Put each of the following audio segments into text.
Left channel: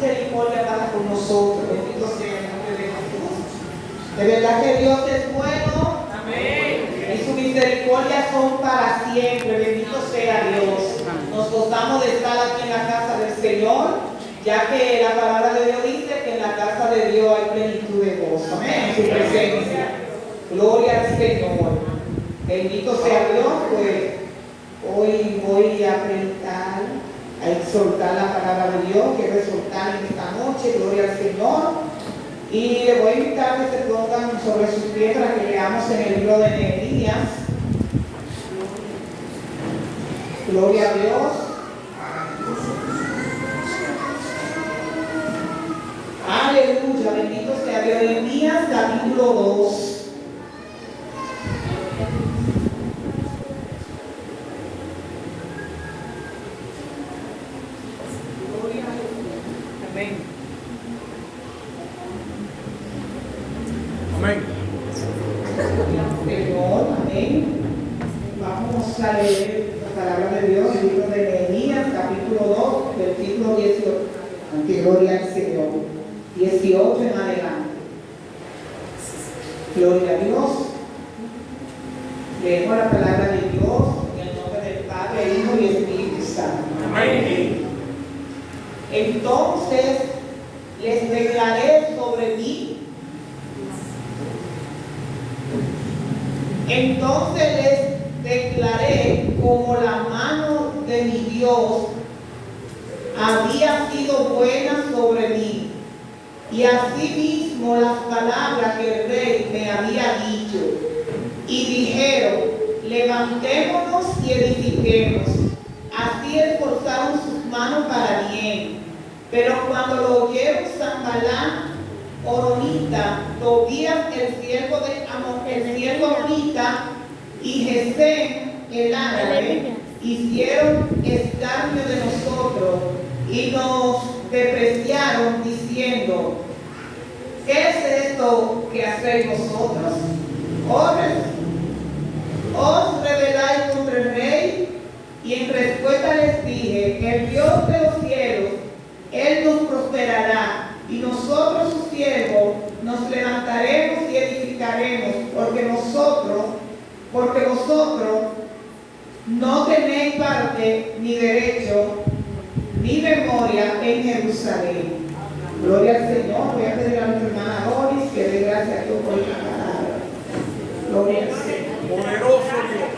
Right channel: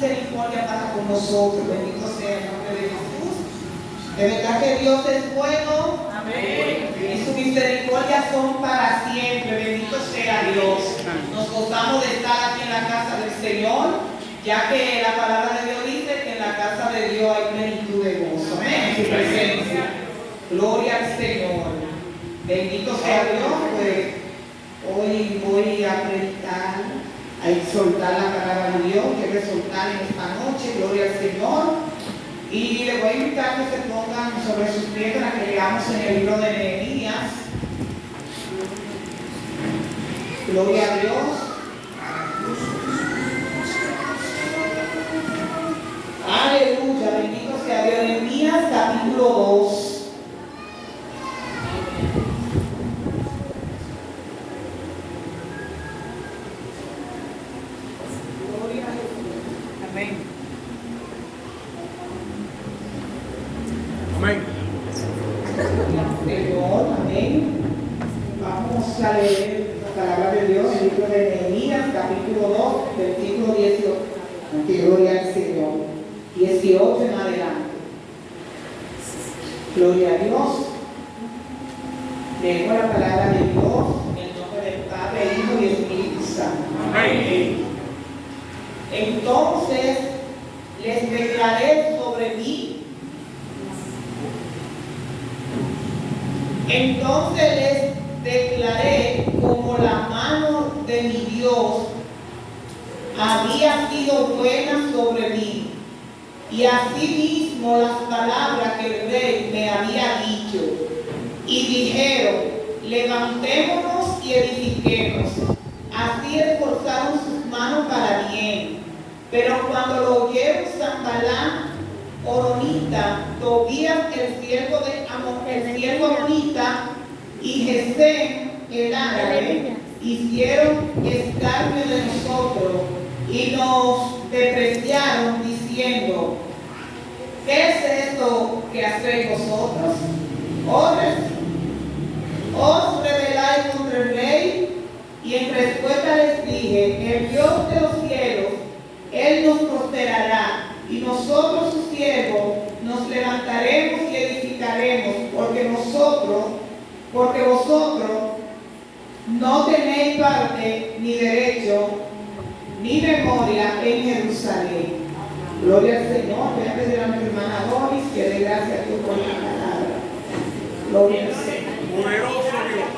misericordia para con nosotros. Bendito sea el nombre de Jesús. De verdad que Dios es bueno. Amén. Y sus misericordias son para siempre. Bendito sea Dios. Nos gozamos de estar aquí en la casa del Señor, ya que la palabra de Dios dice que en la casa de Dios hay plenitud de gozo. Amén. En su presencia. Gloria al Señor. Bendito sea Dios. Pues hoy voy a predicar, a exhortar la palabra de Dios. Quiero exhortar en esta noche. Gloria al Señor. Y les voy a invitar que se pongan sobre sus pies para que leamos en el libro de Nehemías. Gloria a Dios. Aleluya, bendito sea Dios. Nehemías capítulo 2. Gloria a Dios. Amén. Amén. Señor, amén. Vamos a leer la palabra de Dios, el libro de Nehemías, capítulo 2, versículo 18. Gloria al Señor. 18 en adelante. Gloria a Dios. Leemos la palabra de Dios en el nombre del Padre, Hijo y Espíritu Santo. Amén. Entonces les declaré sobre mí. Entonces les declaré como la mano de mi Dios había sido buena sobre mí, y asimismo las palabras que el rey me había dicho. Y dijeron: levantémonos y edifiquemos. Así esforzaron sus manos para bien. Pero cuando lo oyeron Sanballat, Horonita, Tobías el siervo Amorita y Gesem el árabe hicieron escarnio de nosotros y nos despreciaron diciendo: ¿qué es esto que hacéis vosotros? ¿Os rebeláis contra el rey? Y en respuesta les dije: el Dios de los cielos, Él nos prosperará, y nosotros sus siervos nos levantaremos y edificaremos, porque vosotros no tenéis parte ni derecho ni memoria en Jerusalén. Gloria al Señor. Voy a pedir a mi hermana Doris que dé gracias a Dios por esta palabra. Gloria al Señor. Poderoso Dios.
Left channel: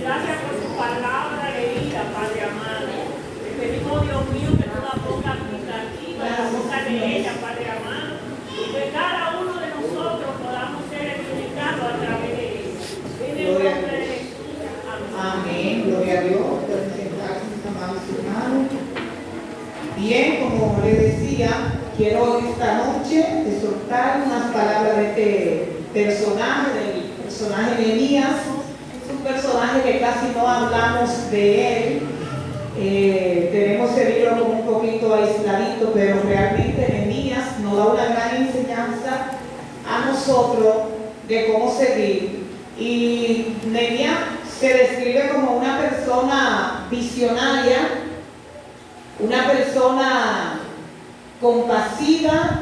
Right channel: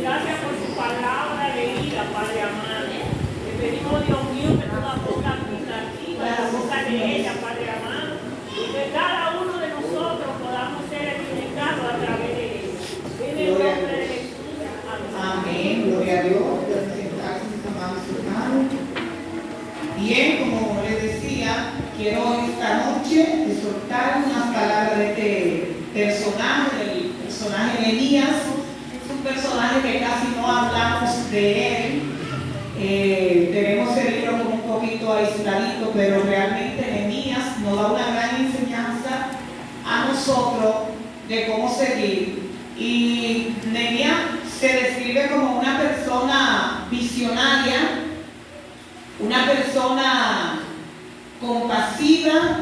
Gracias por su palabra leída, Padre amado. Le pedimos, Dios mío, que toda boca aplicativa, la boca de ella, Padre amado, y que cada uno de nosotros podamos ser edificados a través de ella. En el nombre de Jesús. Amén. Gloria a Dios. Pueden sentarse, mis amados hermanos. Bien, como les decía, quiero esta noche exhortar unas palabras de este personaje, del personaje Nehemías. Es un personaje que casi no hablamos de él. Tenemos el libro como un poquito aisladito, pero realmente Nehemías nos da una gran enseñanza a nosotros de cómo seguir. Y Nehemías se describe como una persona visionaria, una persona compasiva,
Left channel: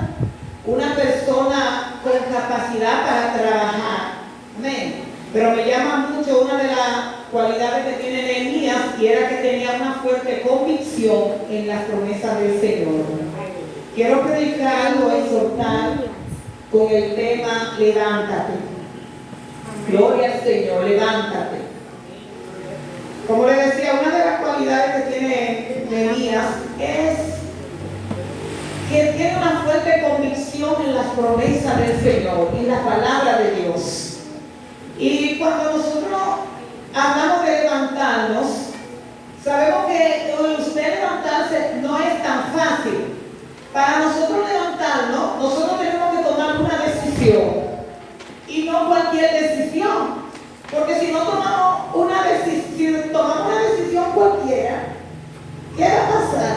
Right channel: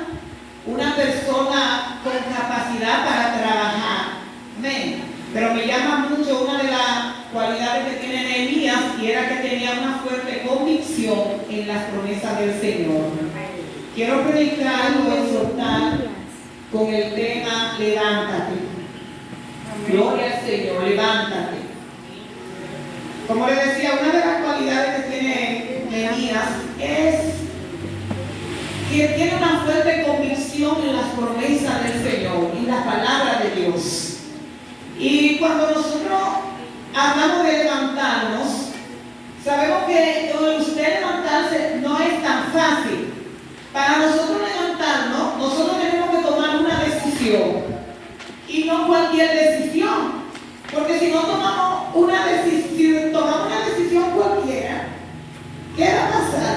una persona con capacidad para trabajar. Amén. Pero me llama mucho una de las cualidades que tiene Nehemías, y era que tenía una fuerte convicción en las promesas del Señor. Quiero predicar o exhortar con el tema levántate. Gloria al Señor, levántate. Como le decía, una de las cualidades que tiene Nehemías es que tiene una fuerte convicción en las promesas del Señor, en la palabra de Dios. Y cuando nosotros hablamos de levantarnos, sabemos que usted levantarse no es tan fácil. Para nosotros levantarnos, nosotros tenemos que tomar una decisión. Y no cualquier decisión. Porque si no tomamos una decisión cualquiera, ¿qué va a pasar?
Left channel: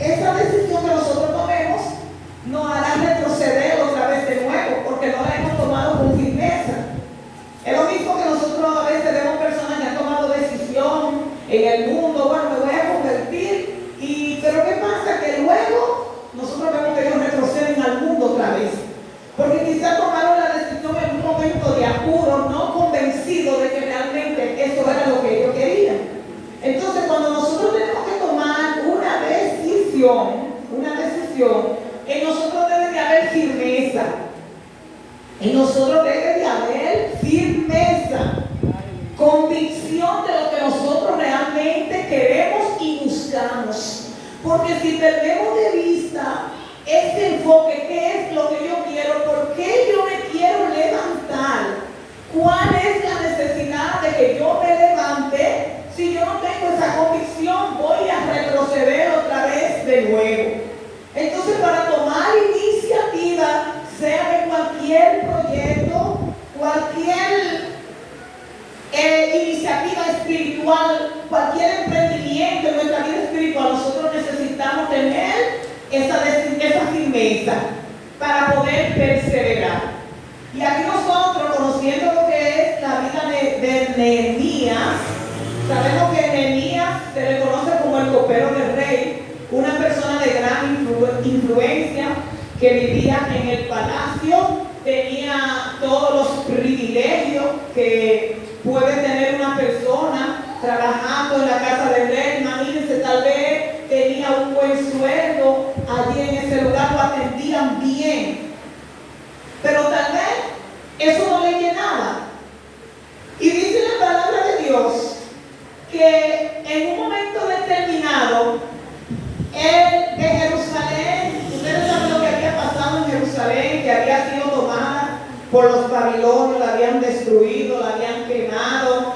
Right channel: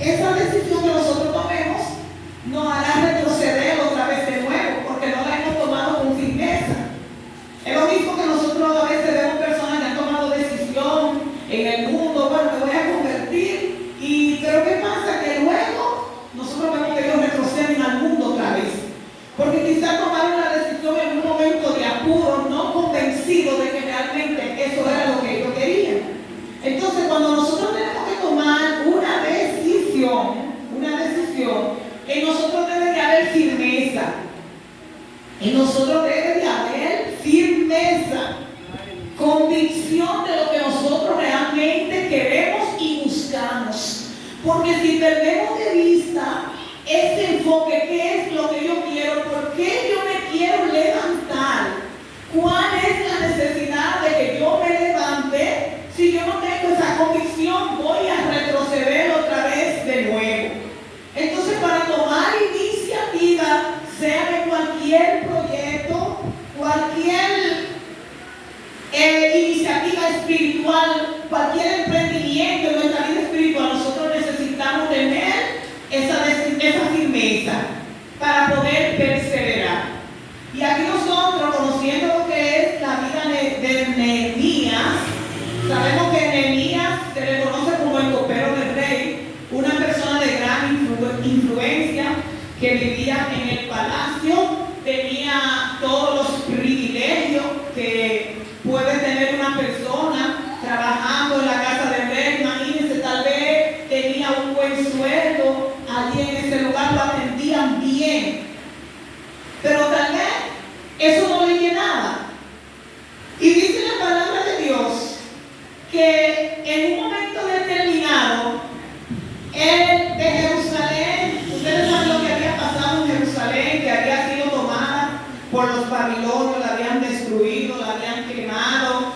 Esa decisión que nosotros tomemos nos hará retroceder otra vez de nuevo, porque no la hemos tomado con firmeza. Es lo mismo que nosotros a veces vemos personas que han tomado decisión en el mundo: bueno, me voy a convertir, pero ¿qué pasa? Que luego decisión, en nosotros debe de haber firmeza. En nosotros debe de haber firmeza, convicción de lo que nosotros realmente queremos y buscamos. Porque si perdemos de vista este enfoque, ¿qué es lo que yo quiero? ¿Por qué yo me quiero levantar? ¿Cuál es la necesidad de que yo me levante? Si yo no tengo esa convicción, voy a retroceder otra vez de nuevo. Entonces, para tomar iniciativa, sea de cualquier proyecto, cualquier iniciativa espiritual, cualquier emprendimiento en nuestra vida espiritual, nosotros necesitamos tener esa firmeza para poder perseverar. Y aquí nosotros, conociendo lo que es la vida de Nehemías, sabemos que Nehemías se le conoce como el copero del rey, una persona de gran influencia que vivía en el palacio, tenía todos los privilegios que puede tener una persona trabajando en la casa del rey. Imagínense, tal vez tenía un buen sueldo allí en ese lugar, lo atendían bien, pero tal vez eso no le llenaba. Y dice la palabra de Dios que en un momento determinado, él de Jerusalén, ustedes saben lo que había pasado en Jerusalén, que había sido tomada por los babilonios, la habían destruido, la habían quemado,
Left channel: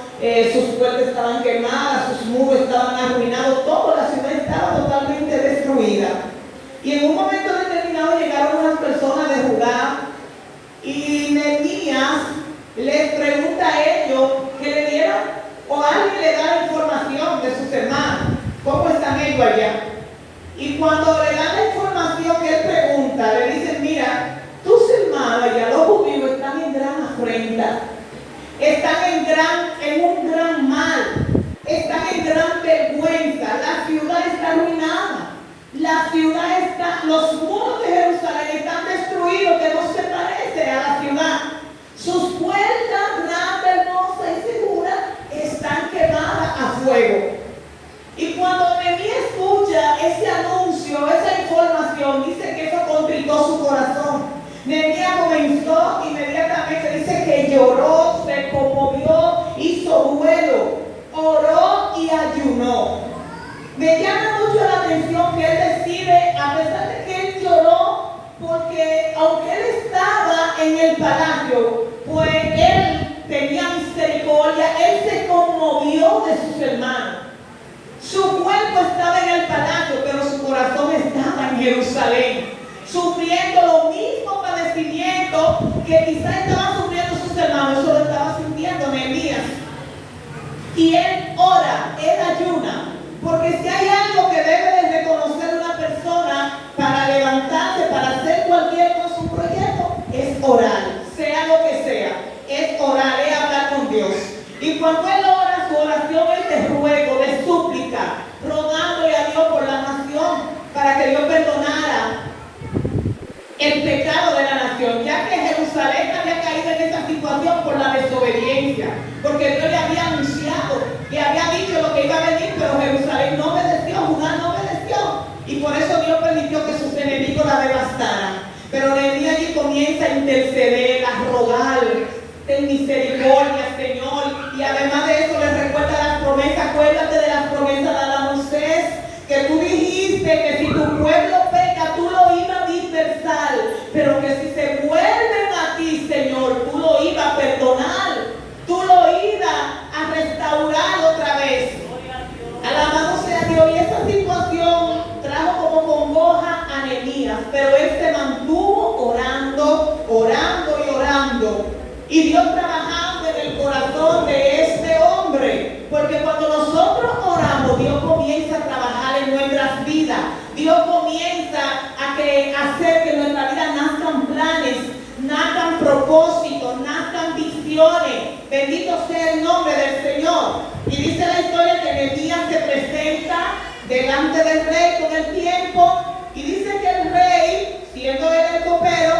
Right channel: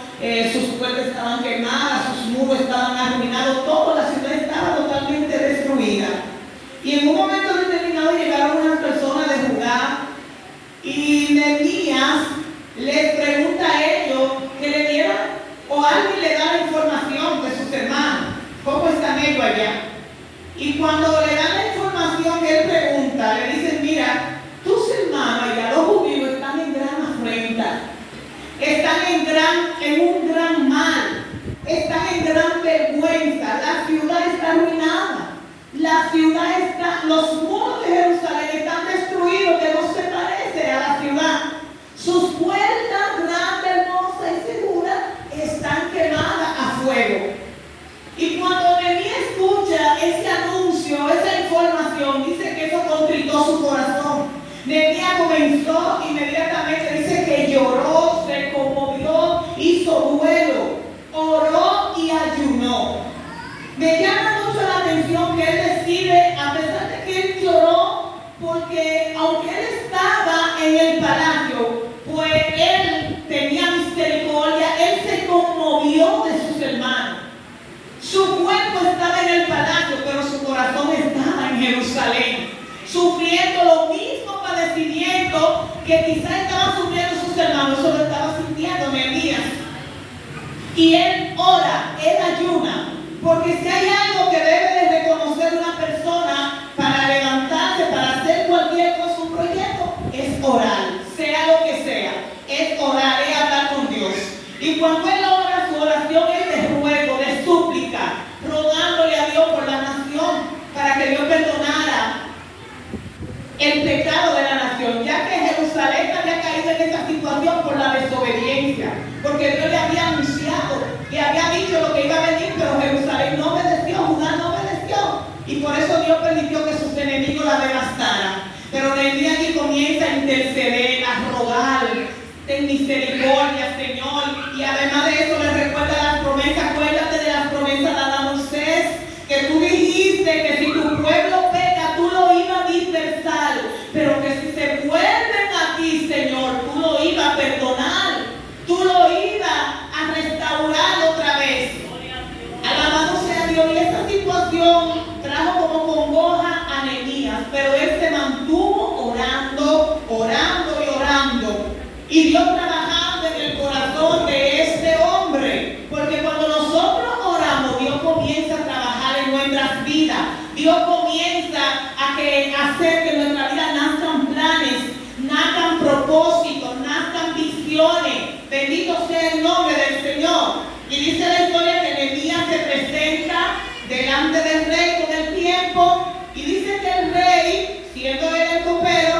sus puertas estaban quemadas, sus muros estaban arruinados, toda la ciudad estaba totalmente destruida. Y en un momento determinado llegaron unas personas de Judá y Nehemías les pregunta a ellos que le dieran, o alguien le da la información de sus hermanos, ¿cómo están ellos allá? Y cuando le dan la información que él pregunta, le dicen, mira, tus hermanos allá, los judíos, están en gran afrenta, están en un gran mal, están en gran vergüenza, la ciudad está arruinada, la ciudad está, los muros de Jerusalén están destruidos, que no se parece a la ciudad. Sus puertas grandes, hermosas y seguras están quemadas a fuego. Y cuando Nehemías escucha ese anuncio, esa información, dice que eso contritó su corazón. Nehemías comenzó inmediatamente, dice que lloró, se conmovió, hizo duelo, oró y ayunó. Me llama mucho la atención que él decide, a pesar de que él lloró, porque aunque él estaba en el palacio, pues él tenía misericordia, él se conmovió de sus hermanos. Su cuerpo estaba en el palacio, pero su corazón estaba en Jerusalén, sufriendo lo mismo padecimiento que quizás estaban sufriendo sus hermanos. Eso lo estaba sintiendo Nehemías. Y él ora, él ayuna, porque si hay algo que debe de reconocer una persona para levantarse, para hacer cualquier cosa, un proyecto, es orar, sea lo que sea, es orar, es hablar con Dios. Y cuando él ora, su oración es de ruego, de súplica, rogándole a Dios por la nación, para que Dios perdonara el pecado de la nación, ya que Jerusalén había caído en esa situación por la desobediencia, porque Dios le había anunciado, le había dicho lo que iba a venir, pero Jerusalén no obedeció, Judá no obedeció, y por eso Dios permitió que sus enemigos la devastaran. Pero Nehemías aquí comienza a interceder, a rogar, ten misericordia, Señor, y además de eso le recuerda las promesas. Acuérdate de las promesas dadas a Moisés, que tú dijiste que si tu pueblo peca, tú lo ibas a dispersar, pero que si se vuelven a ti, Señor, tú lo ibas a perdonar, tú lo ibas a restaurar otra vez. Alabado sea Dios. Y esta situación trajo como congoja a Nehemías, pero él se mantuvo orando, orando y orando, y Dios trabajando en el corazón de este hombre, porque cuando nosotros oramos, Dios comienza a trabajar en nuestras vidas. Dios comienza a hacer que en nuestra vida nazcan planes, nazcan propósitos, nazcan visiones. Bendito sea el nombre del Señor. Y dice la historia que Nehemías se presenta delante del rey con el tiempo, y dice que el rey, siendo él el copero,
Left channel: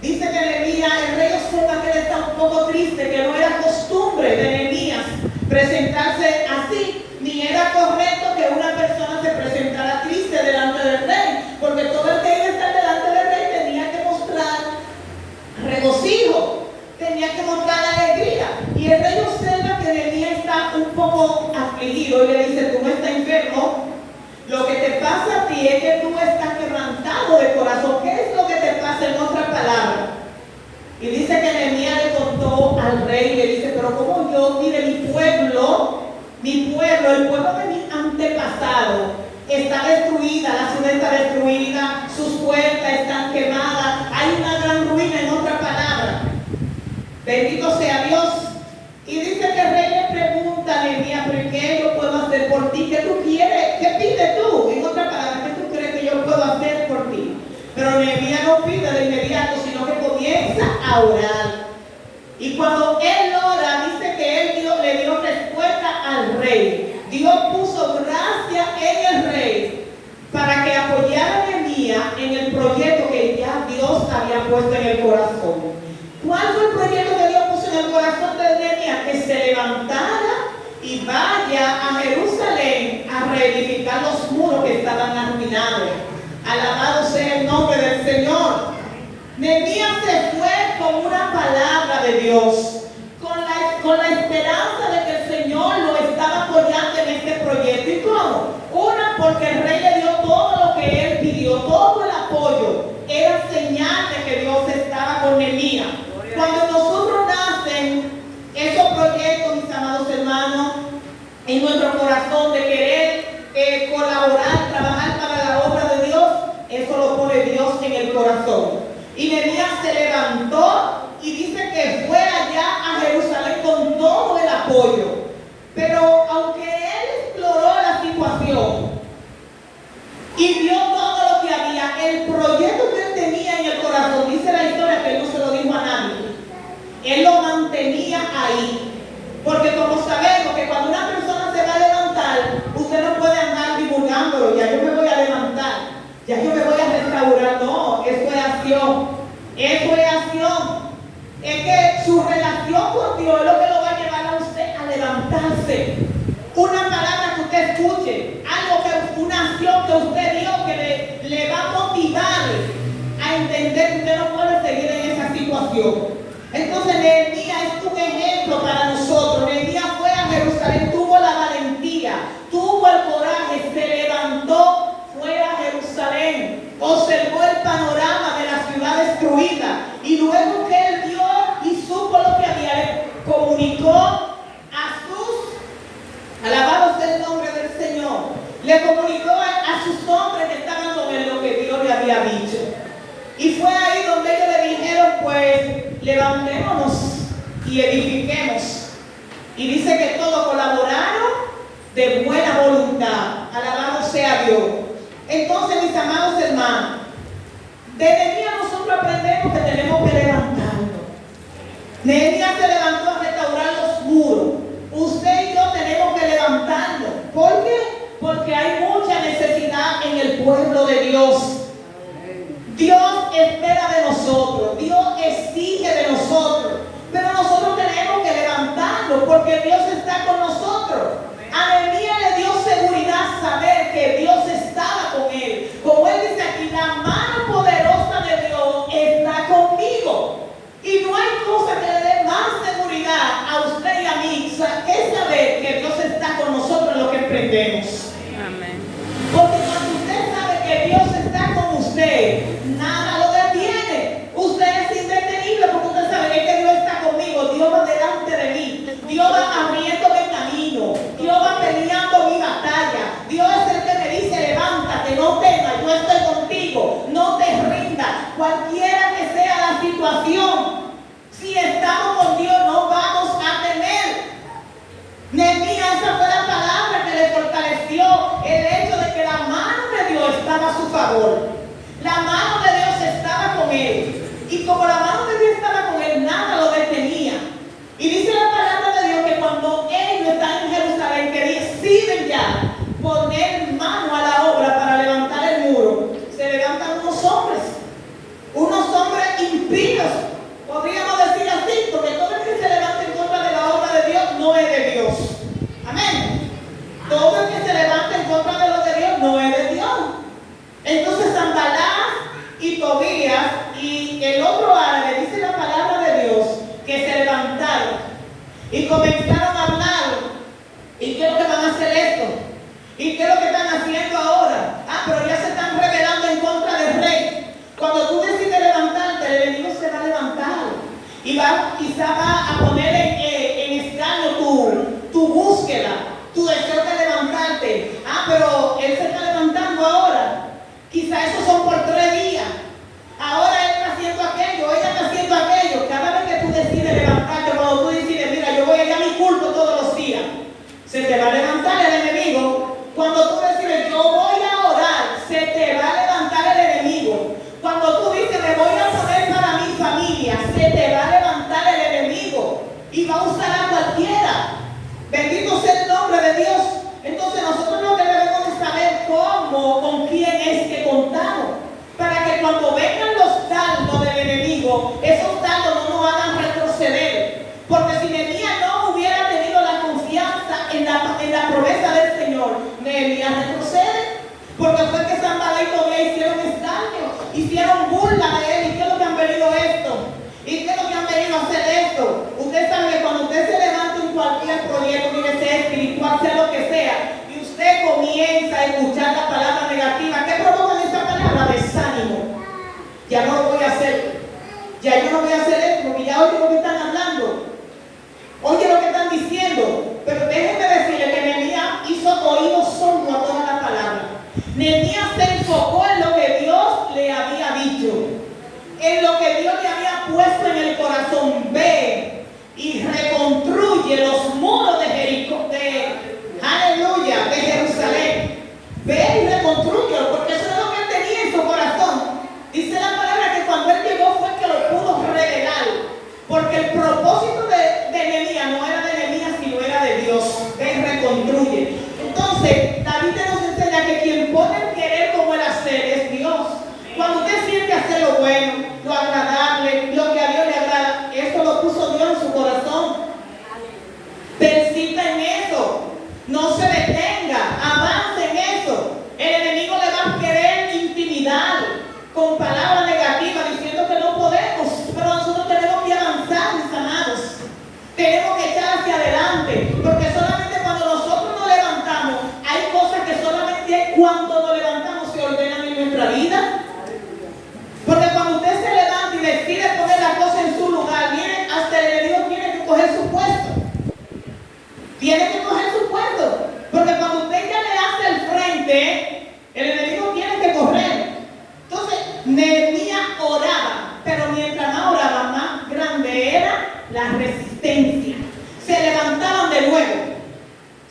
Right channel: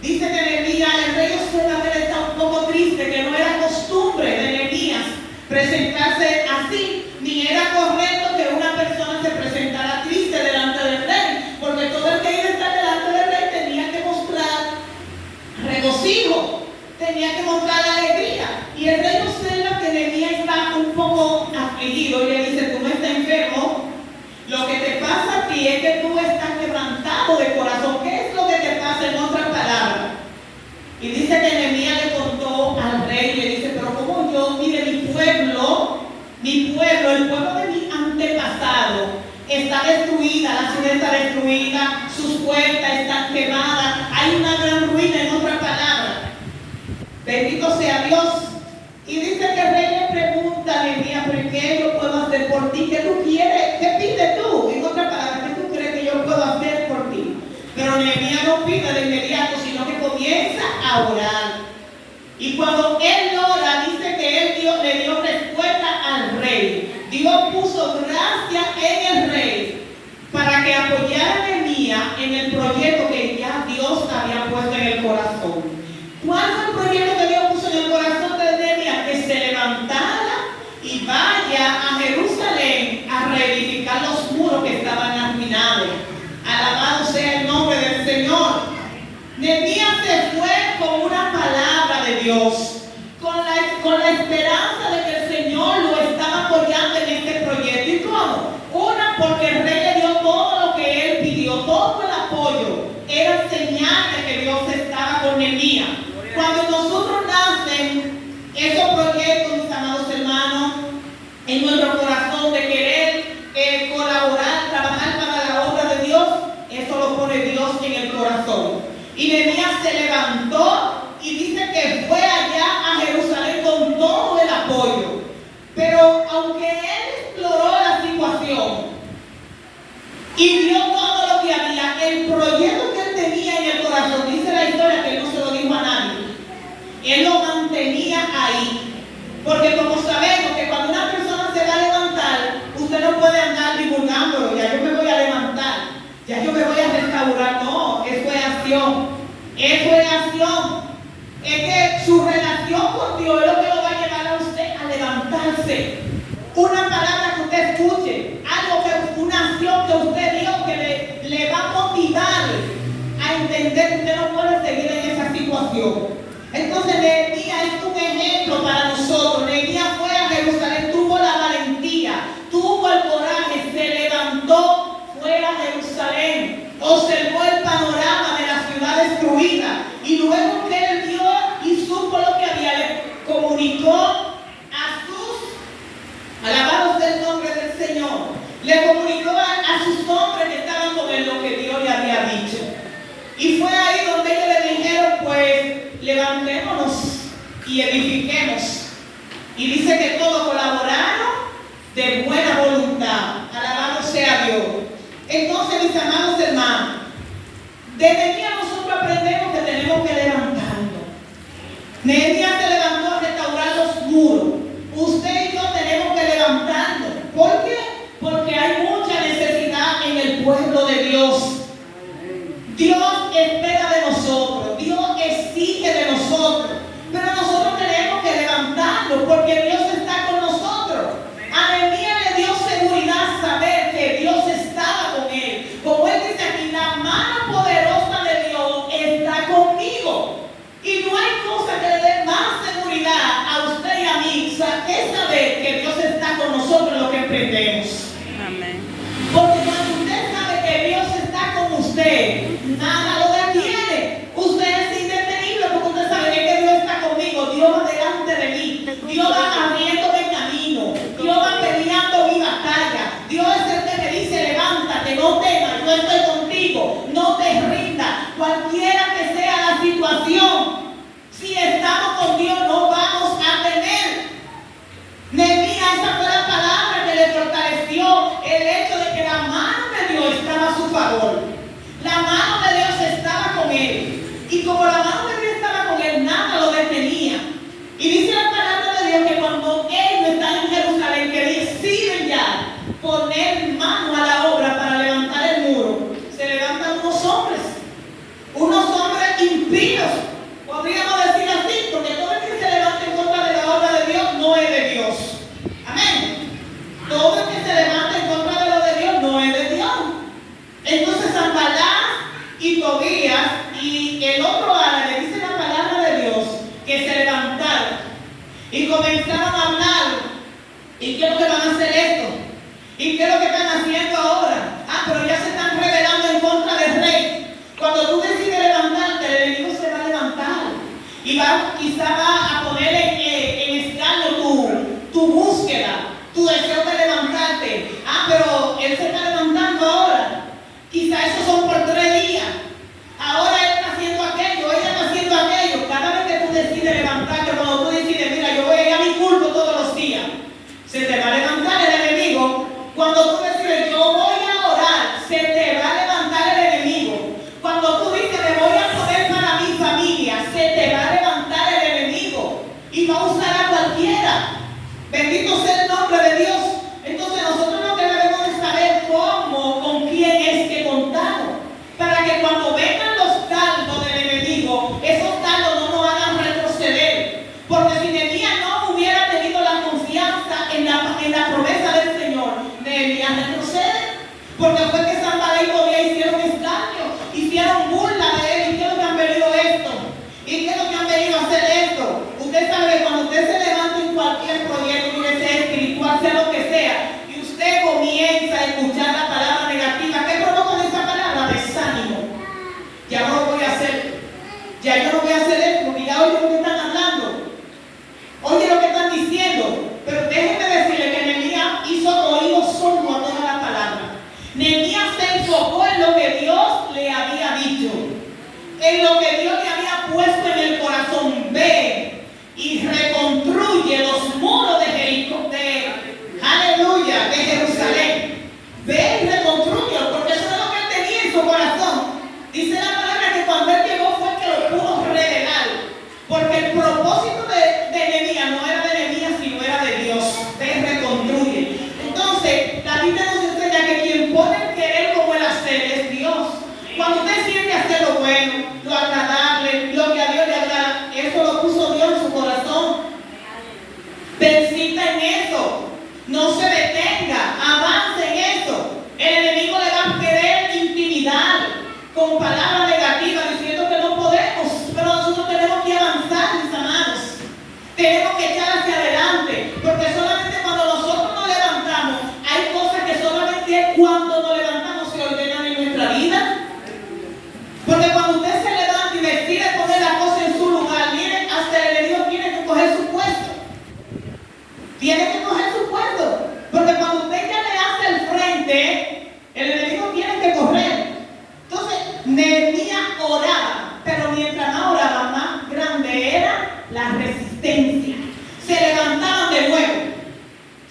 dice que Nehemías, el rey observa que él está un poco triste, que no era costumbre de Nehemías presentarse así, ni era correcto que una persona se presentara triste delante del rey. ciudad está destruida, sus puertas están quemadas, hay una gran ruina, en otras palabras. Bendito sea Dios. Y dice que el rey le pregunta a Nehemías, ¿pero qué yo puedo hacer por ti? ¿Qué tú quieres? ¿Qué pides tú? En otras palabras, ¿qué tú crees que yo puedo hacer por ti? Pero Nehemías no pide de inmediato, sino que comienza a orar. Y cuando él ora, dice que él le dio respuesta al rey. Dios puso gracia en el rey para que apoyara a Nehemías en el proyecto que ya Dios había puesto en el corazón. ¿Cuál fue el proyecto que Dios puso en el corazón de Nehemías? Que se levantara y vaya a Jerusalén a reedificar los muros que estaban arruinados. Alabado sea el nombre del Señor. Nehemías se fue con una palabra de Dios, con la esperanza de que el Señor lo estaba apoyando en este proyecto. ¿Y cómo? Una, porque el rey le dio todo lo que él pidió, todo el apoyo. Era señal de que Dios estaba con Nehemías. Cuando nosotros nacen esos proyectos, mis amados hermanos, en nuestro corazón de querer colaborar, trabajar para la obra de Dios, eso lo pone Dios en el corazón. Y Nehemías se levantó y dice que fue allá a Jerusalén con todo el apoyo. Pero aunque él exploró la situación y vio todo lo que había, el proyecto que él tenía en el corazón, dice la historia que él no se lo dijo a nadie, él lo mantenía ahí. Porque como sabemos que cuando una persona se va a levantar, usted no puede andar divulgándolo, ya yo me voy a levantar, ya yo me voy a restaurar. No, eso es acción. Eso es acción. Es que su relación con Dios es lo que lo va a llevar a usted a levantarse. Una palabra que usted escuche, una acción que usted dio que le va a motivar a entender que usted no puede seguir en esa situación. Entonces Nehemías es un ejemplo para nosotros. Nehemías fue a Jerusalén, tuvo la valentía, tuvo el coraje, se levantó, fue a Jerusalén, observó el panorama de la ciudad destruida y luego que él vio y supo lo que había, le comunicó a sus, alabado sea el nombre del Señor, le comunicó a sus hombres que estaban con él lo que Dios le había dicho. Y fue ahí donde ellos le dijeron, pues, levantémonos y edifiquemos. Y dice que todos colaboraron de buena voluntad. Alabado sea Dios. Entonces, mis amados hermanos, de Nehemías nosotros aprendemos que tenemos que levantarnos. Nehemías se levantó a restaurar los muros. Usted y yo tenemos que levantarnos. ¿Por qué? Porque hay mucha necesidad en el pueblo de Dios. Dios espera de nosotros, Dios exige de nosotros, pero nosotros tenemos que levantarnos porque Dios está con nosotros. A Nehemías le dio seguridad saber que Dios estaba con él. Como él dice aquí, la mano poderosa de Dios está conmigo. Y no hay cosa que le dé más seguridad a usted y a mí que saber que Dios está con nosotros en lo que emprendemos. Amén. Porque cuando usted sabe que Dios está con usted, nada lo detiene. Usted es indetenible porque usted sabe que Dios está conmigo. Dios va delante de mí. Dios va abriéndome camino. Dios va peleando mi batalla. Dios es el que me dice, levántate, no temas, yo estoy contigo. No te rindas. Cualquiera que sea la situación, si estamos con Dios no vamos a temer. Nehemías, esa fue la palabra que le fortaleció el hecho de que la mano de Dios estaba a su favor. La mano de Dios estaba con él. Y como la mano de Dios estaba con él, nada lo detenía. Y dice la palabra de Dios que cuando ellos están en Jerusalén, que deciden ya poner mano a la obra para levantar el muro, se levantan unos hombres impíos. Podríamos decir así, porque todo el que se levanta en contra de la obra de Dios no es de Dios. Amén. Todo el que se levanta en contra de lo de Dios no es de Dios. Entonces Sanballat y Tobías y el otro árabe, dice la palabra de Dios, que se levantaron y comenzaron a hablar. ¿Y qué es lo que van a hacer esto? ¿Y qué es lo que están haciendo ahora? Pero ya se están rebelando en contra del rey. Cuando tú decides levantarte, el enemigo se va a levantar y quizá va a poner en escaño tu búsqueda, tu deseo de levantarte. Pero él se está levantando ahora. hicieron burla de él. ¿Y qué es lo que han venido esto? ¿Y qué es lo que han venido a hacer esto? Usted sabe que cuando usted se levanta en cualquier proyecto, mire, sea espiritual, sea lo que sea, y usted comienza a escuchar la palabra negativa, ¿qué provoca esa palabra? Desánimo. Ya no lo voy a hacer. Ya yo no voy a hacer esto, porque ya oye lo que están hablando. Oye lo que están diciendo. Pero déjenme decirle que Nehemías hizo oídos sordos a toda la palabra. Nehemías se enfocó en lo que Dios le había dicho, en lo que Dios le había puesto en el corazón. Ve y reconstruye los muros de Jericó, aleluya, de Jerusalén. Ve y reconstrúyelo, porque eso es lo que él tenía en su corazón. Dice la palabra que cuando él llegó fue que lo pudo revelar, porque el propósito de Nehemías no era de Nehemías, sino era de Dios. Ve y reconstruye. Entonces, la Biblia nos enseña que quien pone el querer como el hacer es Dios. Cuando usted siente hacer lo bueno, lo agradable, lo que a Dios le agrada, eso lo puso Dios en su corazón. Persista en eso. No se detenga. Avance en eso. El enemigo le va a querer intimidar con palabras negativas, diciendo que no podemos. Pero nosotros tenemos que avanzar, mis amados. Tenemos que echar hacia adelante. Porque solamente cuando nosotros nos levantamos, hay cosas que solamente cuando nos levantamos se ordenan en nuestra vida. Porque cuando usted se levanta y decide poner la cosa en su lugar, mire, hasta el enemigo tiene que coger su puesto. Tiene que coger su puesto. Porque cuando usted ya le hace el frente, el enemigo tiene que correr. Entonces, Nehemías oraba, pero mientras más oraba, más grande era la resistencia. Se levantaban de nuevo.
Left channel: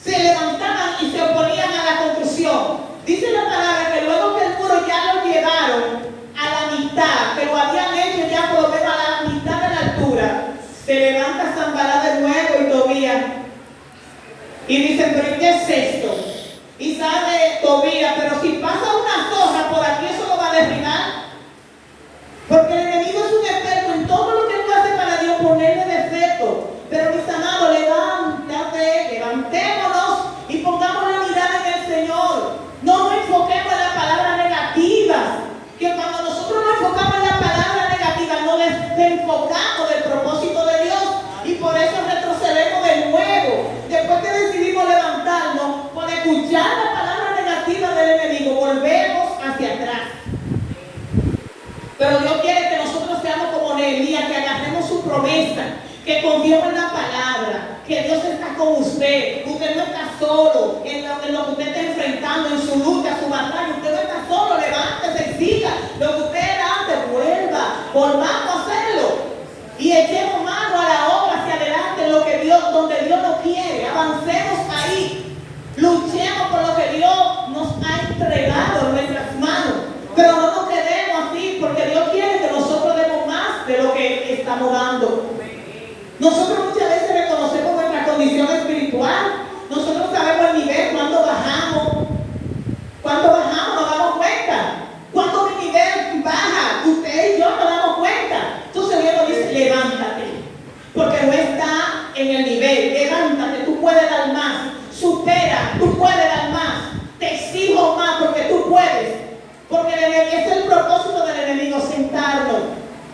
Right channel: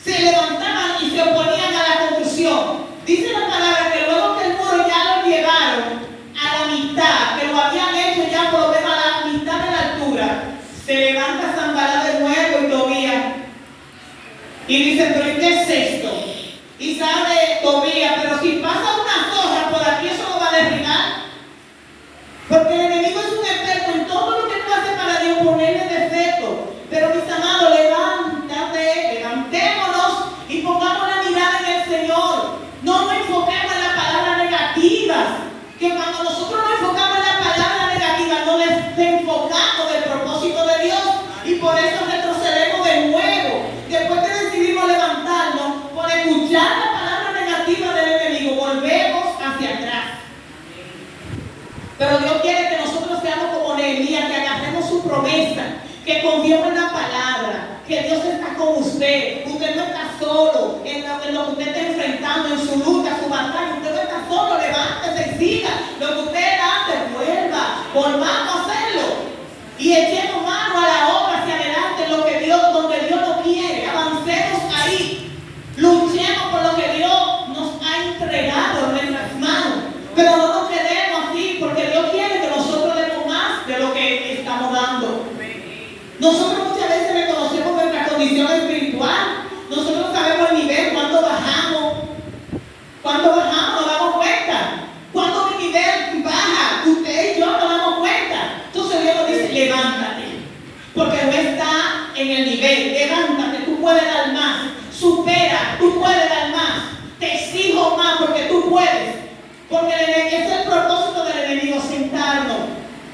Se levantaban y se oponían a la construcción. Dice la palabra que luego que el muro ya lo llevaron a la mitad, que lo habían hecho ya por lo menos a la mitad de la altura, se levanta Sanballat de nuevo y Tobías y dicen, pero ¿qué es esto? Y sabe Tobías, pero si pasa una zorra por aquí, eso lo va a derribar. Porque el enemigo es un experto en todo lo que tú haces para Dios, ponerle defecto. Pero mis amados, levantémonos y pongamos la mirada en el Señor. No nos enfoquemos en las palabras negativas. Que cuando nosotros nos enfocamos en las palabras negativas, no desenfocamos del propósito de Dios. Y por eso retrocedemos de nuevo. Después que decidimos levantarnos, por escuchar la palabra negativa del enemigo, volvemos hacia atrás. Pero Dios quiere que nosotros seamos como Nehemías, que agarremos su promesa, que confiemos en la palabra, que Dios está con usted. Usted no está solo en lo que usted está enfrentando, en su lucha, su batalla. Usted no está solo, levántese y siga. Lo que usted era antes, volvamos a hacerlo. Y echemos mano a la obra hacia adelante, en lo que Dios, donde Dios nos quiere. Avancemos ahí. Luchemos por lo que Dios nos ha entregado en nuestras manos. Pero no nos quedemos así, porque Dios quiere que nosotros demos más de lo que estamos dando. Nosotros muchas veces reconocemos nuestra condición espiritual. Nosotros sabemos el nivel, cuando bajamos. Cuando bajamos nos damos cuenta. Cuando mi nivel baja, usted y yo nos damos cuenta. Entonces Dios nos dice, levántate. Porque no está en el nivel. Levántate, tú puedes dar más. Supera, tú puedes dar más. Te exijo más porque tú puedes. Porque es el propósito del enemigo, sentarnos,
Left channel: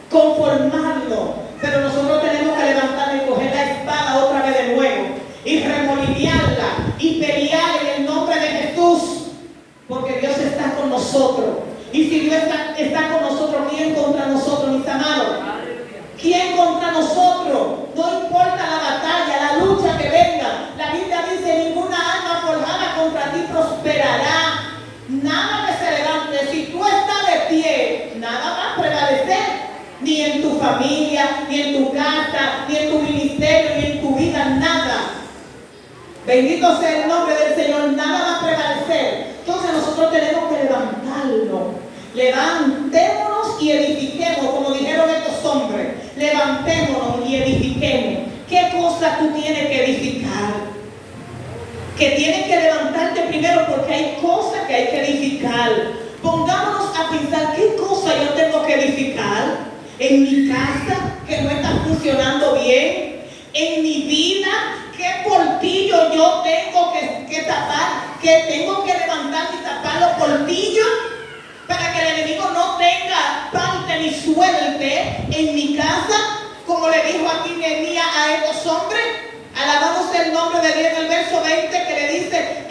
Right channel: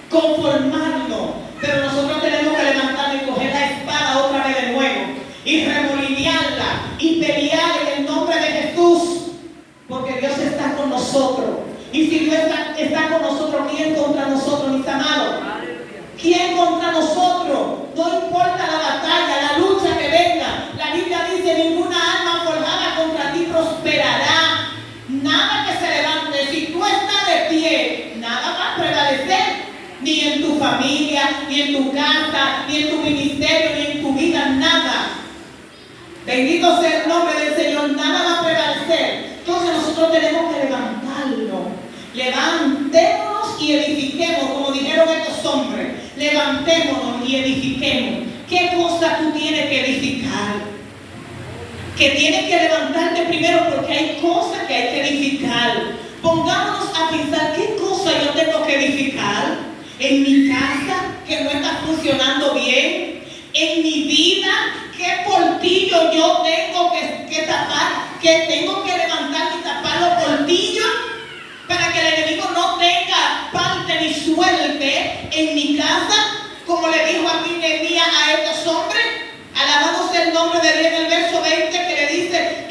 conformarnos. Pero nosotros tenemos que levantarnos y coger la espada otra vez de nuevo. Y remolinearla y pelear en el nombre de Jesús. Porque Dios está con nosotros. Y si Dios está con nosotros, ¿quién contra nosotros, mis amados? ¿Quién contra nosotros? No importa la batalla, la lucha que venga. La Biblia dice, ninguna arma forjada contra ti prosperará. Nada que se levante. Si tú estás de pie, nada va a prevalecer. Ni en tu familia, ni en tu casa, ni en tu ministerio, ni en tu vida, nada. Bendito sea el nombre del Señor, nada va a prevalecer. Entonces nosotros tenemos que levantarnos. Levantémonos y edifiquemos, como dijeron estos hombres. Levantémonos y edifiquemos. ¿Qué cosa tú tienes que edificar? Que tienes que levantarte primero, porque hay cosas que hay que edificar. Pongámonos a pensar, ¿qué cosa yo tengo que edificar? En mi casa, que no está funcionando bien. En mi vida, ¿qué portillo yo tengo que tapar? Que tengo que levantar y tapar los portillos para que el enemigo no tenga suelte en mi casa, como le dijo aquí Nehemías a estos hombres. Alabado sea el nombre de Dios en el verso 20 que le dice,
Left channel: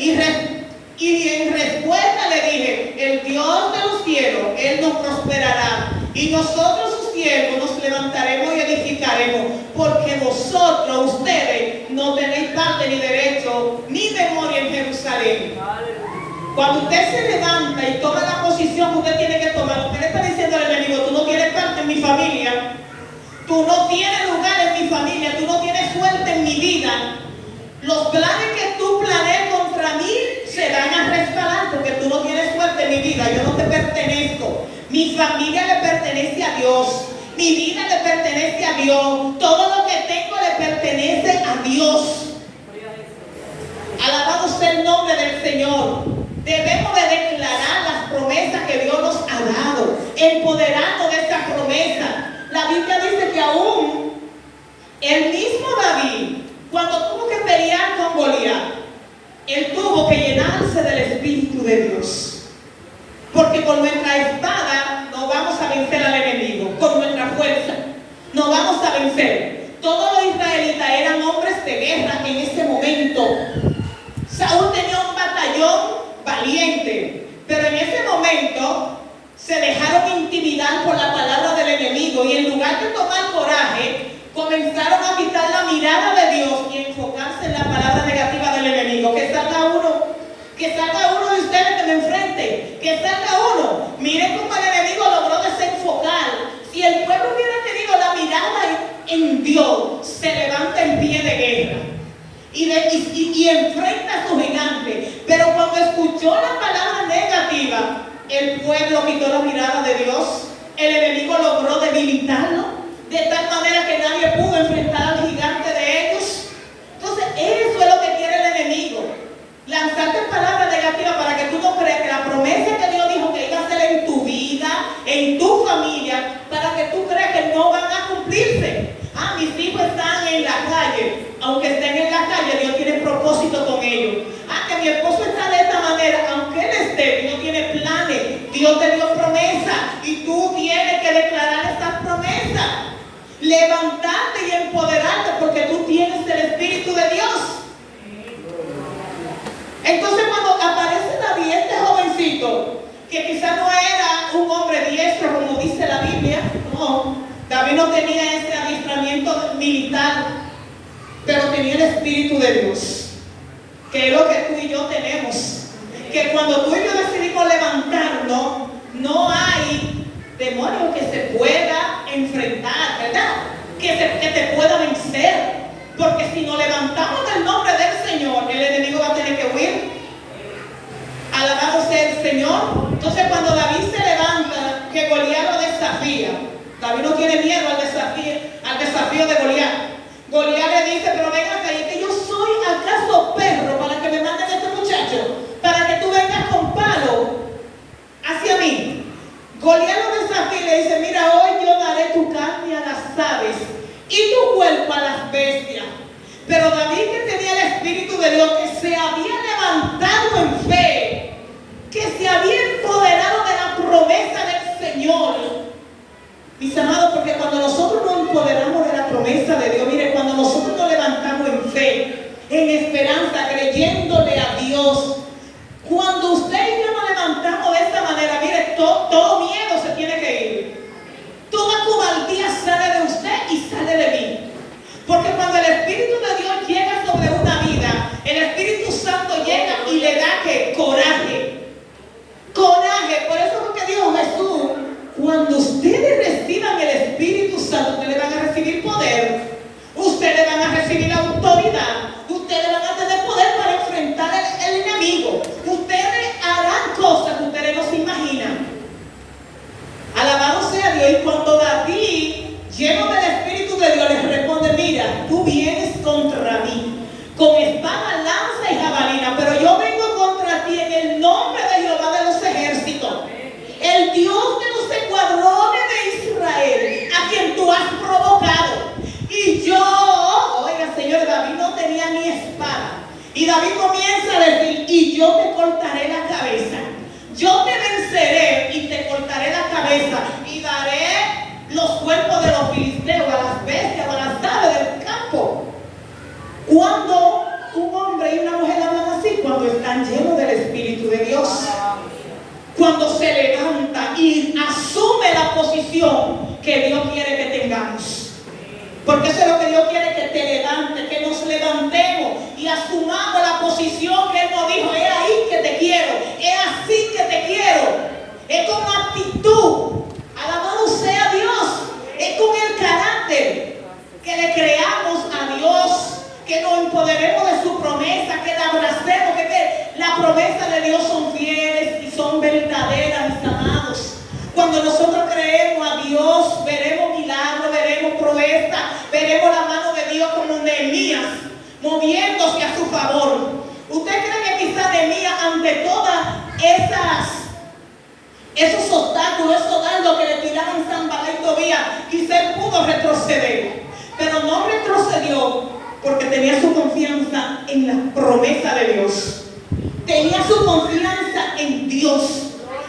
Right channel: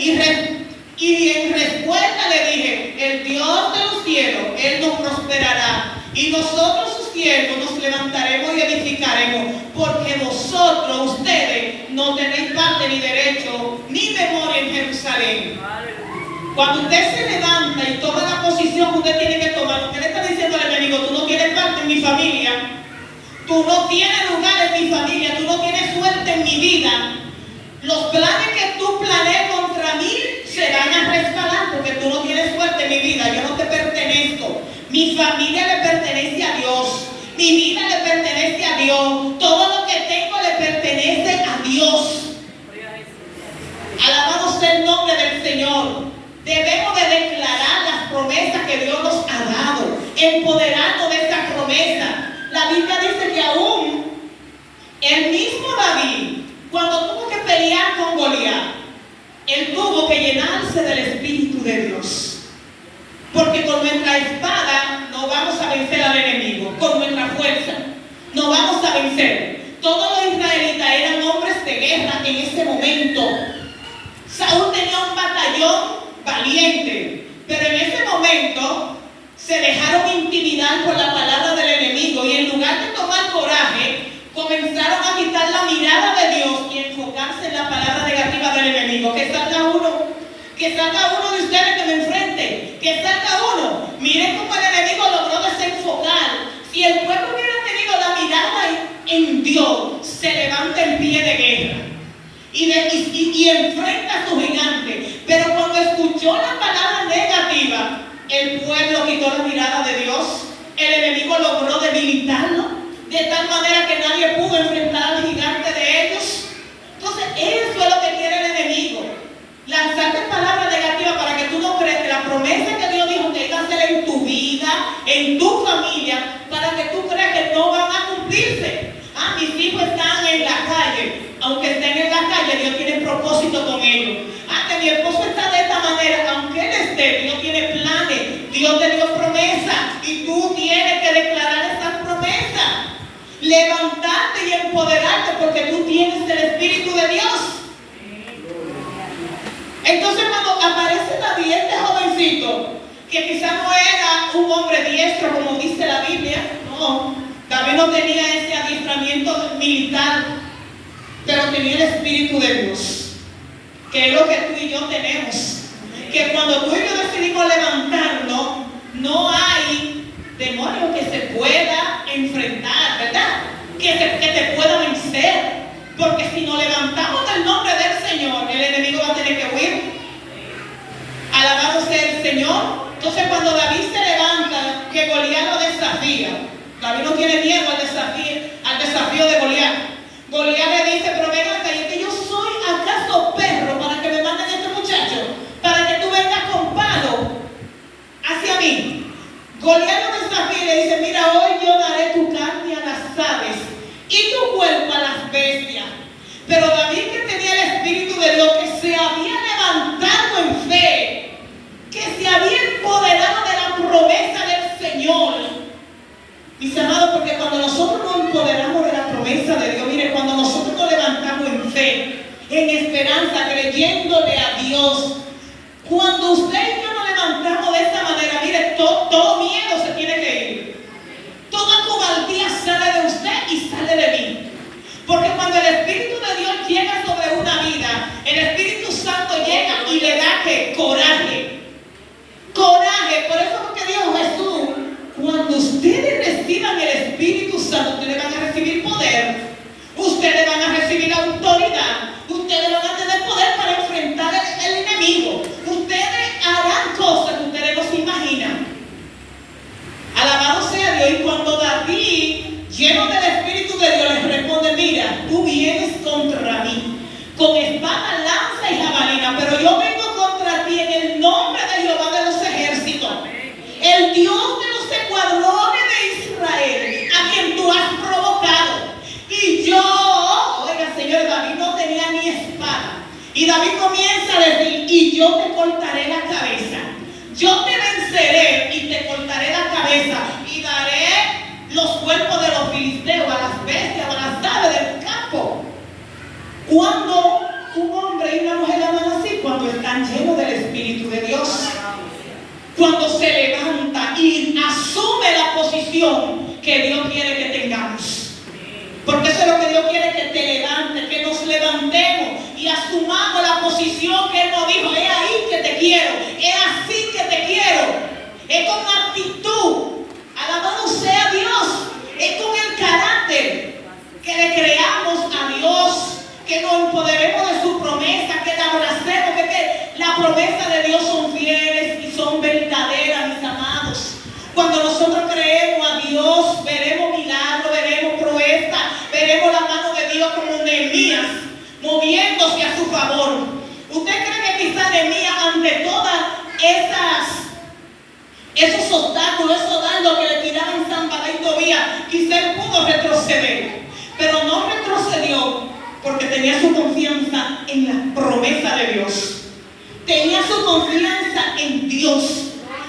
y en respuesta le dije, el Dios de los cielos, Él nos prosperará, y nosotros sus siervos nos levantaremos y edificaremos, porque vosotros, ustedes, no tenéis parte ni derecho, ni memoria en Jerusalén. Cuando usted se levanta y toma la posición que usted tiene que tomar, usted le está diciendo al enemigo, tú no tienes parte en mi familia, tú no tienes lugar en mi familia, tú no tienes suerte en mi vida. Los planes que tú planees contra mí se van a resbalar porque tú no tienes suerte en mi vida, yo no te pertenezco. Mi familia le pertenece a Dios, mi vida le pertenece a Dios, todo lo que tengo le pertenece a Dios. Alabado sea el nombre del Señor. Debemos de declarar las promesas que Dios nos ha dado, empoderarnos de esa promesa. La Biblia dice que aún el mismo David, cuando tuvo que pelear con Goliat, él tuvo que llenarse del Espíritu de Dios. Porque con nuestra espada no vamos a vencer al enemigo, con nuestra fuerza no vamos a vencer. Todos los israelitas eran hombres de guerra en ese momento. Saúl tenía un batallón valiente, pero en ese momento se dejaron intimidar por la palabra del enemigo y en lugar de tomar coraje, comenzaron a quitar la mirada de Dios y enfocarse en la palabra negativa del enemigo. Que salga uno de ustedes que me enfrente, que salga uno. Miren cómo el enemigo logró desenfocar. Si el pueblo hubiera tenido la mirada en Dios, se levanta en pie de guerra y enfrenta a su gigante. Pero cuando escuchó la palabra negativa, el pueblo quitó la mirada de Dios. El enemigo logró debilitarlo de tal manera que nadie pudo enfrentar al gigante de ellos. Entonces, eso es lo que quiere el enemigo. Lanzarte palabras negativas para que tú no creas que la promesa que Dios dijo que iba a hacer en tu vida, en tu familia, para que tú creas que no van a cumplirse. Mis hijos están en la calle. Aunque estén en la calle, Dios tiene propósito con ellos. Que mi esposo está de esta manera, aunque él esté, Dios tiene planes, Dios te dio promesas y tú tienes que declarar esas promesas. Levantarte y empoderarte porque tú tienes el Espíritu de Dios. Entonces cuando aparece David, este jovencito, que quizá no era un hombre diestro como dice la Biblia, no, David no tenía ese adiestramiento militar, pero tenía el Espíritu de Dios, que es lo que tú y yo tenemos. Que cuando tú y yo decidimos levantarnos, no hay demonio que se pueda enfrentar, ¿verdad? Que te pueda vencer. Porque si nos levantamos del nombre del Señor, el enemigo va a tener que huir. Alabado sea el Señor. Entonces cuando David se levanta, que Goliat lo desafía, David no tiene miedo al desafío de Goliat. Goliat le dice, pero venga acá, ¿y que yo soy acaso perro para que me manden a este muchacho? Para que tú vengas con palo hacia mí. Goliat lo desafía y le dice, mira, hoy yo daré tu carne a las aves y tu cuerpo a las bestias. Pero David, que tenía el Espíritu de Dios, que se había levantado en fe, que se había empoderado de la promesa del Señor. Mis amados, porque cuando nosotros nos empoderamos de la promesa de Dios, mire, cuando nosotros nos levantamos en fe, en esperanza, creyéndole a Dios, cuando usted y yo nos levantamos de esta manera, mire, todo miedo se tiene que ir. Toda cobardía sale de usted y sale de mí. Porque cuando el Espíritu de Dios llega sobre una vida, el Espíritu Santo llega y le da ¿qué? Coraje. Coraje. Por eso es lo que dijo Jesús. Cuando ustedes reciban el Espíritu Santo, ustedes van a recibir poder. Ustedes van a recibir autoridad. Ustedes van a tener poder para enfrentar el enemigo. Ustedes harán cosas que ustedes no se imaginan. Alabado sea Dios. Y cuando David, lleno del Espíritu de Dios, les responde, mira, tú vienes contra mí con espada, lanza y jabalina, pero yo vengo contra ti en el nombre de Jehová de los ejércitos, el Dios de los escuadrones de Israel, a quien tú has provocado. Y yo, oiga, señor, David no tenía ni espada. Y David comienza a decir, y yo te cortaré la cabeza. Yo te venceré y te cortaré la cabeza y daré los cuerpos de los filisteos, a las bestias, a las aves del campo. Cuando un hombre y una mujer hablan así, cuando están llenos del Espíritu de Dios, cuando se levanta y asume la posición que Dios quiere que tengamos. Porque eso es lo que Dios quiere, que te levantes, que nos levantemos y asumamos la posición que Él nos dijo. Es ahí que te quiero, es así que te quiero, es con actitud. Alabado sea Dios, es con el carácter que le creamos a Dios, que nos empoderemos de su promesa, que la abracemos, que la promesa de Dios son fieles y son verdaderas, mis amados. Cuando nosotros creemos a Dios, veremos milagros, veremos proezas, veremos la mano de Dios como Nehemías, moviéndose a su favor. ¿Usted cree que quizá Nehemías, ante todas esos obstáculos, esos dardos que le tiraban Sanballat y Tobías, quizá él pudo retroceder? Pero no retrocedió porque tenía su confianza en la promesa de Dios. Tenía su confianza en Dios.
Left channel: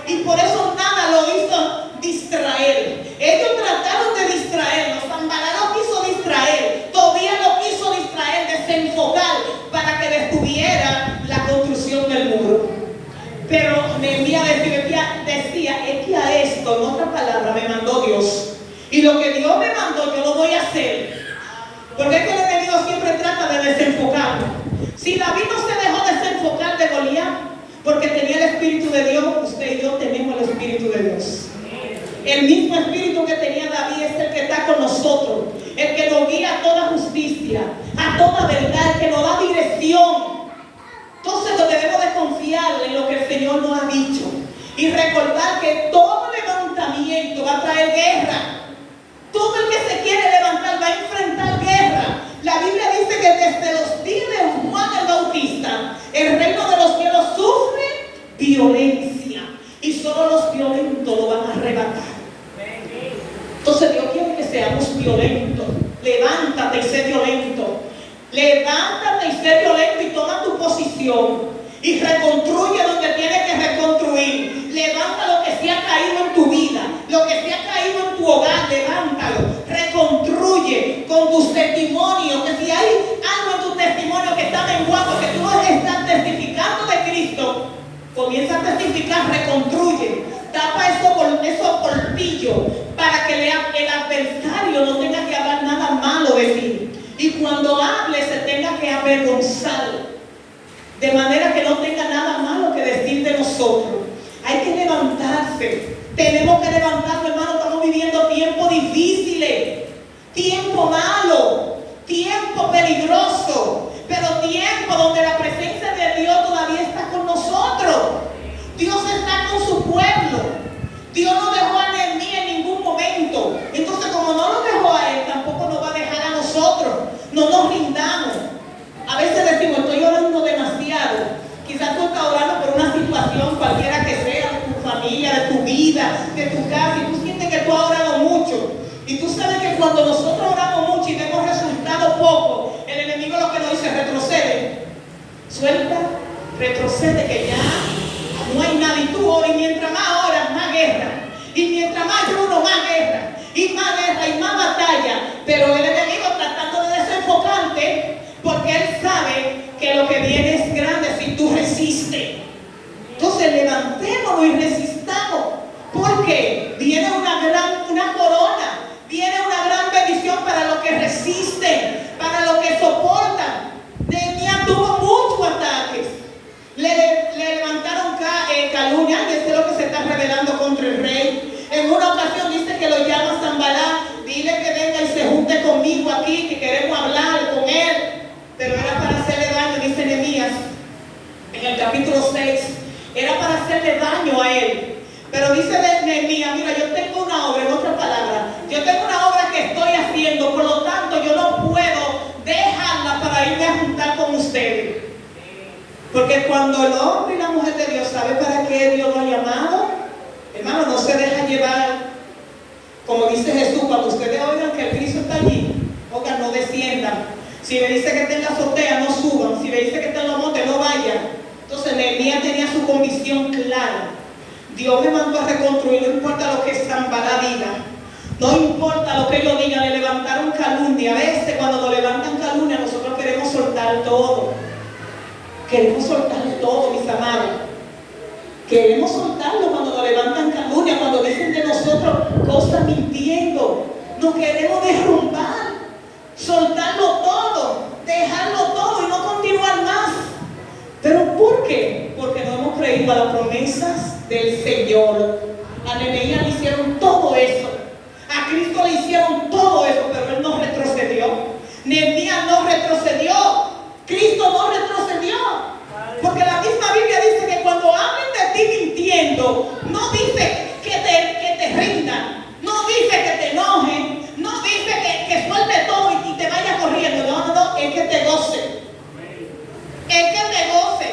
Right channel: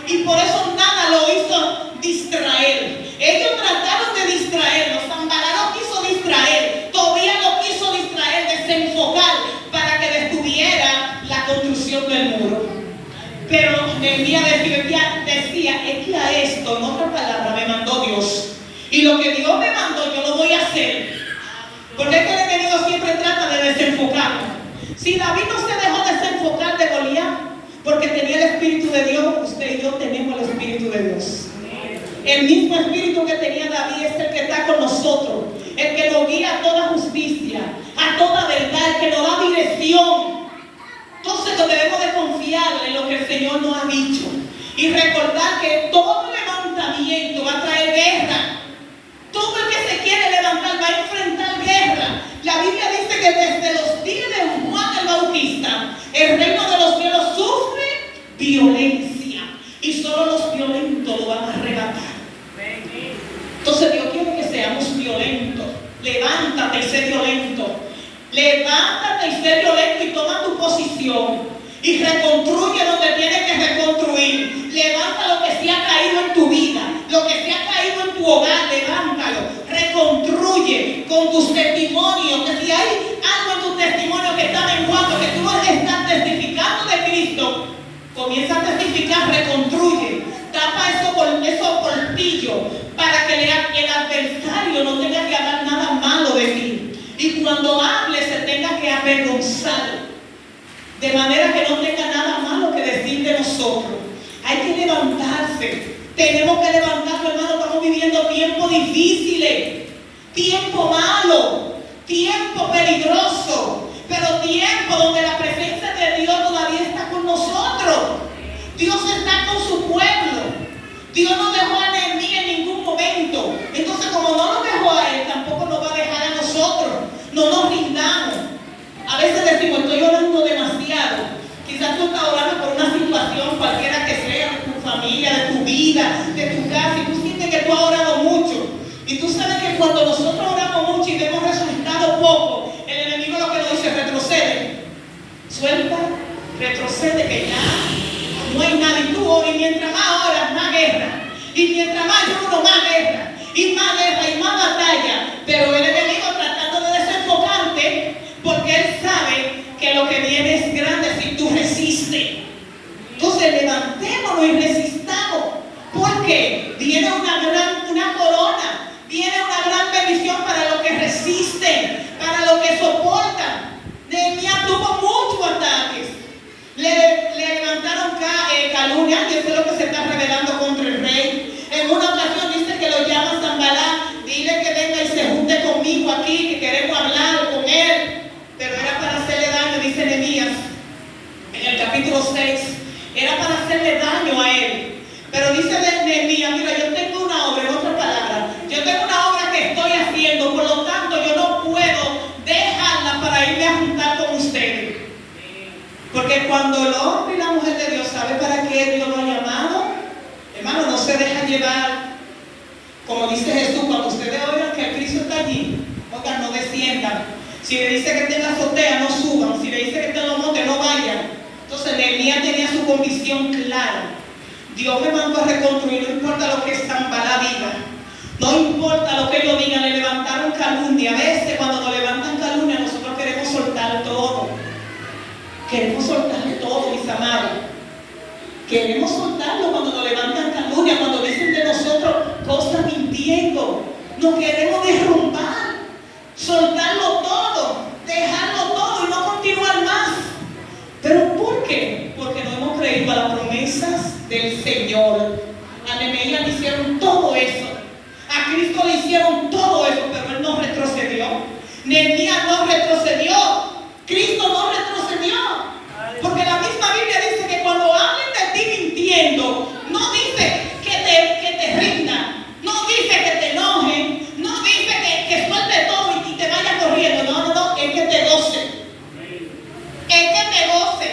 Y por eso nada lo hizo distraer. Ellos trataron de distraerlo. Sanballat lo quiso distraer. Tobías lo quiso distraer, desenfocar, para que detuviera la construcción del muro. Pero Nehemías decía, es que a esto, en otra palabra, me mandó Dios. Y lo que Dios me mandó, yo lo voy a hacer. Porque es que el enemigo siempre trata de desenfocarlo. Si David no se dejó desenfocar de Goliat, porque tenía el Espíritu de Dios, usted y yo tenemos el Espíritu de Dios. El mismo Espíritu que tenía David es el que está con nosotros, el que nos guía a toda justicia, a toda verdad, el que nos da dirección. Entonces debemos de confiar en lo que el Señor nos ha dicho y recordar que todo levantamiento va a traer guerra. Todo el que se quiere levantar va a enfrentar guerra. La Biblia dice que desde los días de Juan el Bautista, el reino de los cielos sufre violencia y solo los violentos lo van a arrebatar. Entonces Dios quiere que seamos violentos. Levántate y sé violento. Levántate y sé violento y toma tu posición y reconstruye donde tienes que reconstruir. Levanta lo que se ha caído en tu vida, lo que se ha caído en tu hogar, levántalo. Reconstruye con tus testimonios, que si hay algo en tu testimonio que está menguando, que tú no estás testificando de Cristo, comienza a testificar, reconstruye. Tapa esos portillos para que el adversario no tenga que hablar nada malo de ti. Y cuando hable se tenga que avergonzar, de manera que no tenga nada malo que decir de nosotros. Hay que levantarse. Tenemos que levantarnos, hermano. Estamos viviendo tiempos difíciles, tiempo malo, tiempo peligroso, pero tiempo donde la presencia de Dios todavía está con nosotros. Dios está con su pueblo. Dios no dejó a Nehemías en ningún momento. Entonces, como no lo dejó a él, tampoco nos va a dejar a nosotros. No nos rindamos. A veces decimos, estoy orando demasiado. Quizás tú estás orando por una situación cualquiera que sea, de tu familia, de tu vida, de tu casa, y tú sientes que tú has orado mucho. Y tú sabes que cuando nosotros oramos mucho y vemos resultados pocos, el enemigo lo que nos dice, retrocede. Suelta, retrocede, que ya no hay nada. Y tú oras, y mientras más oras, más guerra. Y mientras más uno, más guerra. Y más guerra, y más batalla. Pero el enemigo tratando de desenfocarte, porque él sabe que lo que viene es grande si tú resistes. Entonces levantémonos y resistamos, porque viene una corona, viene una gran bendición para los que resisten, para los que soportan. Nehemías tuvo muchos ataques. Le levantaron calumnia, y eso es lo que se está revelando contra el rey. En una ocasión dice que lo llama Sanballat, dile que venga y se junte conmigo aquí, que queremos hablar con él. Pero era para hacerle daño, dice Nehemías en el capítulo 6, era para hacerle daño a él. Pero dice Nehemías, mira, yo tengo una obra, en otras palabras, yo tengo una obra que estoy haciendo, por lo tanto yo no puedo dejarla para irme a juntar con ustedes. Porque cuando el hombre y la mujer de Dios sabe para qué Dios lo ha llamado, hermano, no se dejan llevar, como dice Jesús, cuando ustedes oigan que el Cristo está allí, oigan, no desciendan. Si le dice que esté en la azotea, no suban. Si le dice que esté en los montes, no vayan. Entonces Nehemías tenía su convicción clara. Dios me mandó a reconstruir, no importa lo que Sanballat diga. No importa lo que ellos digan, le levantaron calumnia. A veces cuando nos levantan calumnia nosotros queremos soltar todo. Queremos soltarle todo, mis amados. Queremos soltarlo cuando nos levantan calumnia, cuando dicen de nosotros cosas mintiendo. Nos queremos derrumbar, soltarlo todo, dejarlo todo y no continuar más. ¿Pero por qué? Porque no hemos creído a las promesas del Señor. A Nehemías le hicieron todo eso. A Cristo le hicieron todo eso, pero Él no retrocedió. Nehemías no retrocedió. Cristo no retrocedió. Porque la misma Biblia dice que cuando hablen de ti mintiendo, no dice que te rindan, no dice que te enojen, no dice que suelte todo y te vayas corriendo. No, es que te goce. Es que te goce.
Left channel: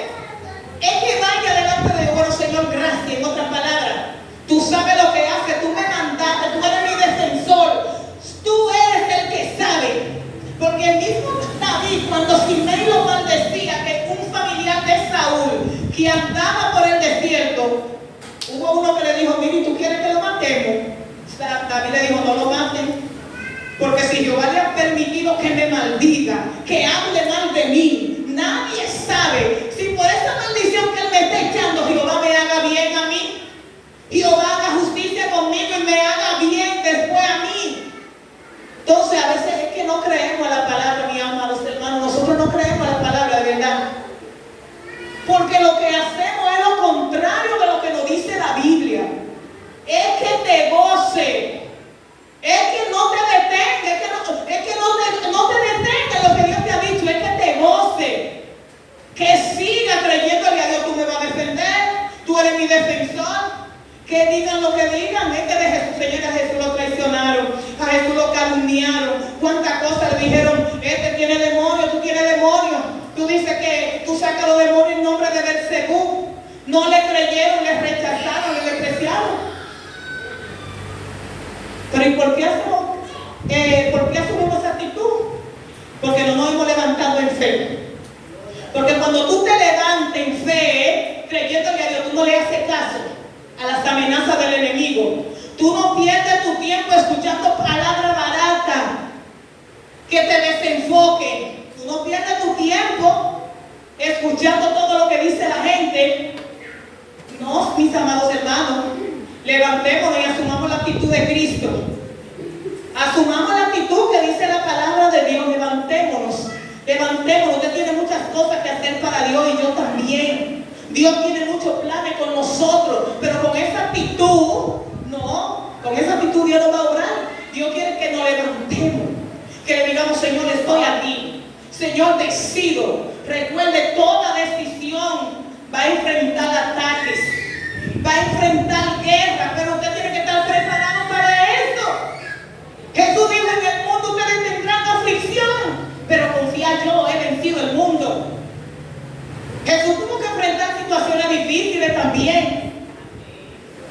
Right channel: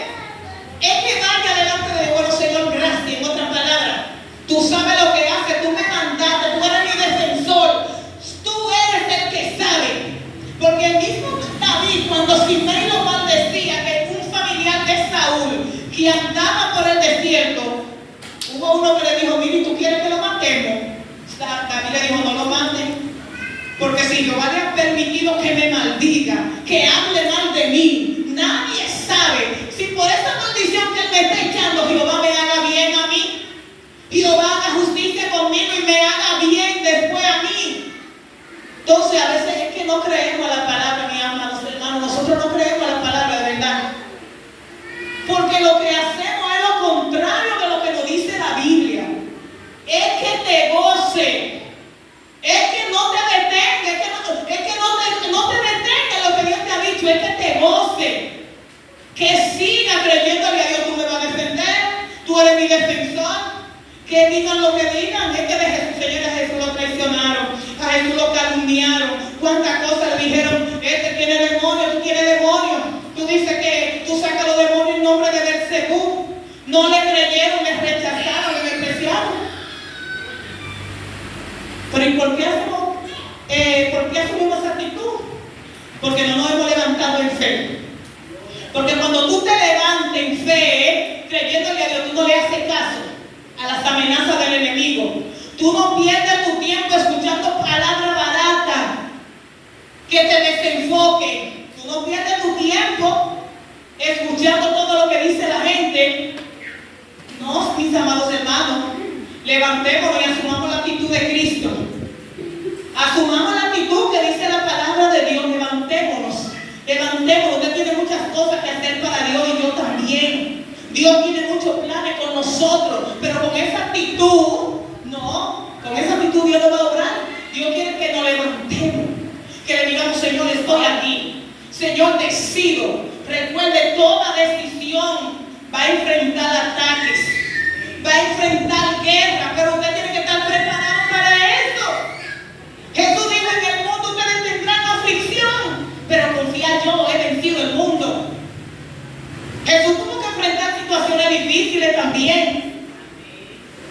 Es que vaya delante de Dios. Bueno, Señor, gracias. En otras palabras, tú sabes lo que haces, tú me mandaste, tú eres mi defensor, tú eres el que sabe. Porque el mismo David, cuando Simei lo maldecía, que un familiar de Saúl que andaba por el desierto, hubo uno que le dijo: mire, ¿tú quieres que lo matemos? David le dijo: no lo maten, porque si Jehová le ha permitido que me maldiga, que hable mal de mí, nadie sabe si por esa maldición que él me está echando, Jehová me haga bien a mí, Jehová haga justicia conmigo y me haga bien después a mí. Entonces a veces es que no creemos a la palabra, mi amados hermanos. Nosotros no creemos a la palabra de verdad, porque lo que hacemos es lo contrario de lo que nos dice la Biblia. Es que te goce, es que no te detenga, es que no te detenga lo que Dios te ha dicho, es que te goce, que siga creyéndole a Dios. Tú me vas a defender, tú eres mi defensor. Que digan lo que digan, es que de Jesús, Señor, a Jesús lo traicionaron, a Jesús lo calumniaron, cuántas cosas le dijeron: este tiene demonio, tú tienes demonio, tú dices que tú sacas los demonios en nombre de Belzebú. No le creyeron, le rechazaron, le despreciaron. Pero ¿y por qué asumimos esa actitud? Porque no nos hemos levantado en fe. Porque cuando tú te levantas en fe, creyéndole a Dios, tú no le haces caso a las amenazas del enemigo. Tú no pierdes tu tiempo escuchando palabras baratas que te desenfoquen. Tú no pierdes tu tiempo escuchando todo lo que dice la gente. No, mis amados hermanos, levantémonos y asumamos la actitud de Cristo. Asumamos la actitud que dice la palabra de Dios. Levantémonos. Usted tiene muchas cosas que hacer para Dios y yo también. Dios tiene muchos planes con nosotros, pero con esa actitud, no, con esa actitud Dios no va a obrar. Dios quiere que nos levantemos, que le digamos: Señor, estoy aquí, Señor, decido. Recuerde, toda decisión va a enfrentar ataques, va a enfrentar guerra, pero usted tiene que estar preparado para eso. Jesús dijo: en el mundo ustedes tendrán aflicción, pero confía, yo he vencido el mundo. Jesús tuvo que enfrentar situaciones difíciles también,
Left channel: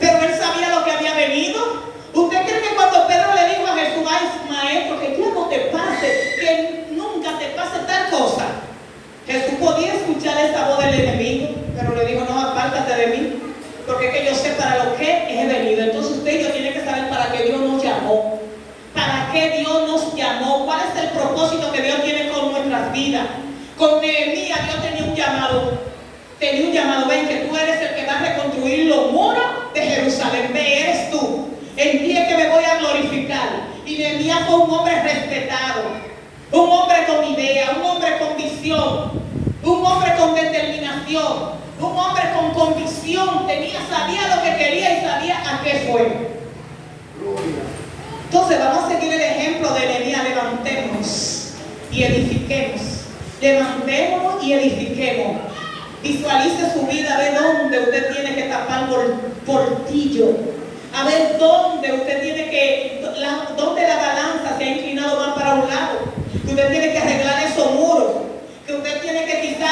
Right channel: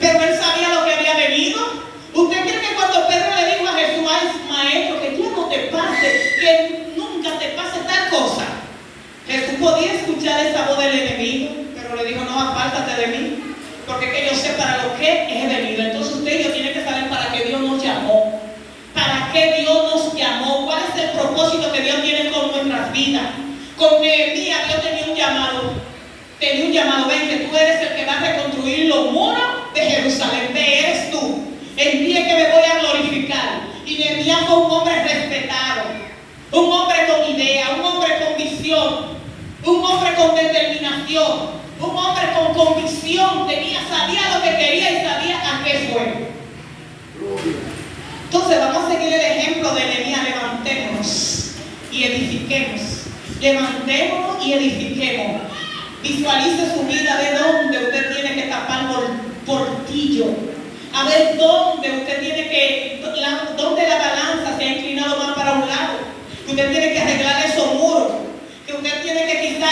pero él sabía lo que había venido. ¿Usted cree que cuando Pedro le dijo a Jesús: ay, maestro, que ya no te pase, que nunca te pase tal cosa? Jesús podía escuchar esa voz del enemigo, pero le dijo: no, apártate de mí, porque es que yo sé para lo que he venido. Entonces usted y yo tiene que saber para qué Dios nos llamó, para qué Dios nos llamó, cuál es el propósito que Dios tiene con nuestras vidas. Con Nehemías Dios tenía un llamado, ven, que tú eres el que va a reconstruir los muros de Jerusalén, ve, eres tú, en ti es que me voy a glorificar. Y Nehemías fue un hombre respetado, un hombre con idea, un hombre con visión, un hombre con determinación, un hombre con convicción, sabía lo que quería y sabía a qué fue. Entonces vamos a seguir el ejemplo de Nehemías. Levantémonos y edifiquemos. Levantémonos y edifiquemos. Visualice su vida, de dónde usted tiene que tapar portillo, a ver dónde usted tiene que, dónde la balanza se ha inclinado más para un lado. Usted tiene que arreglar esos muros, que usted tiene que quizá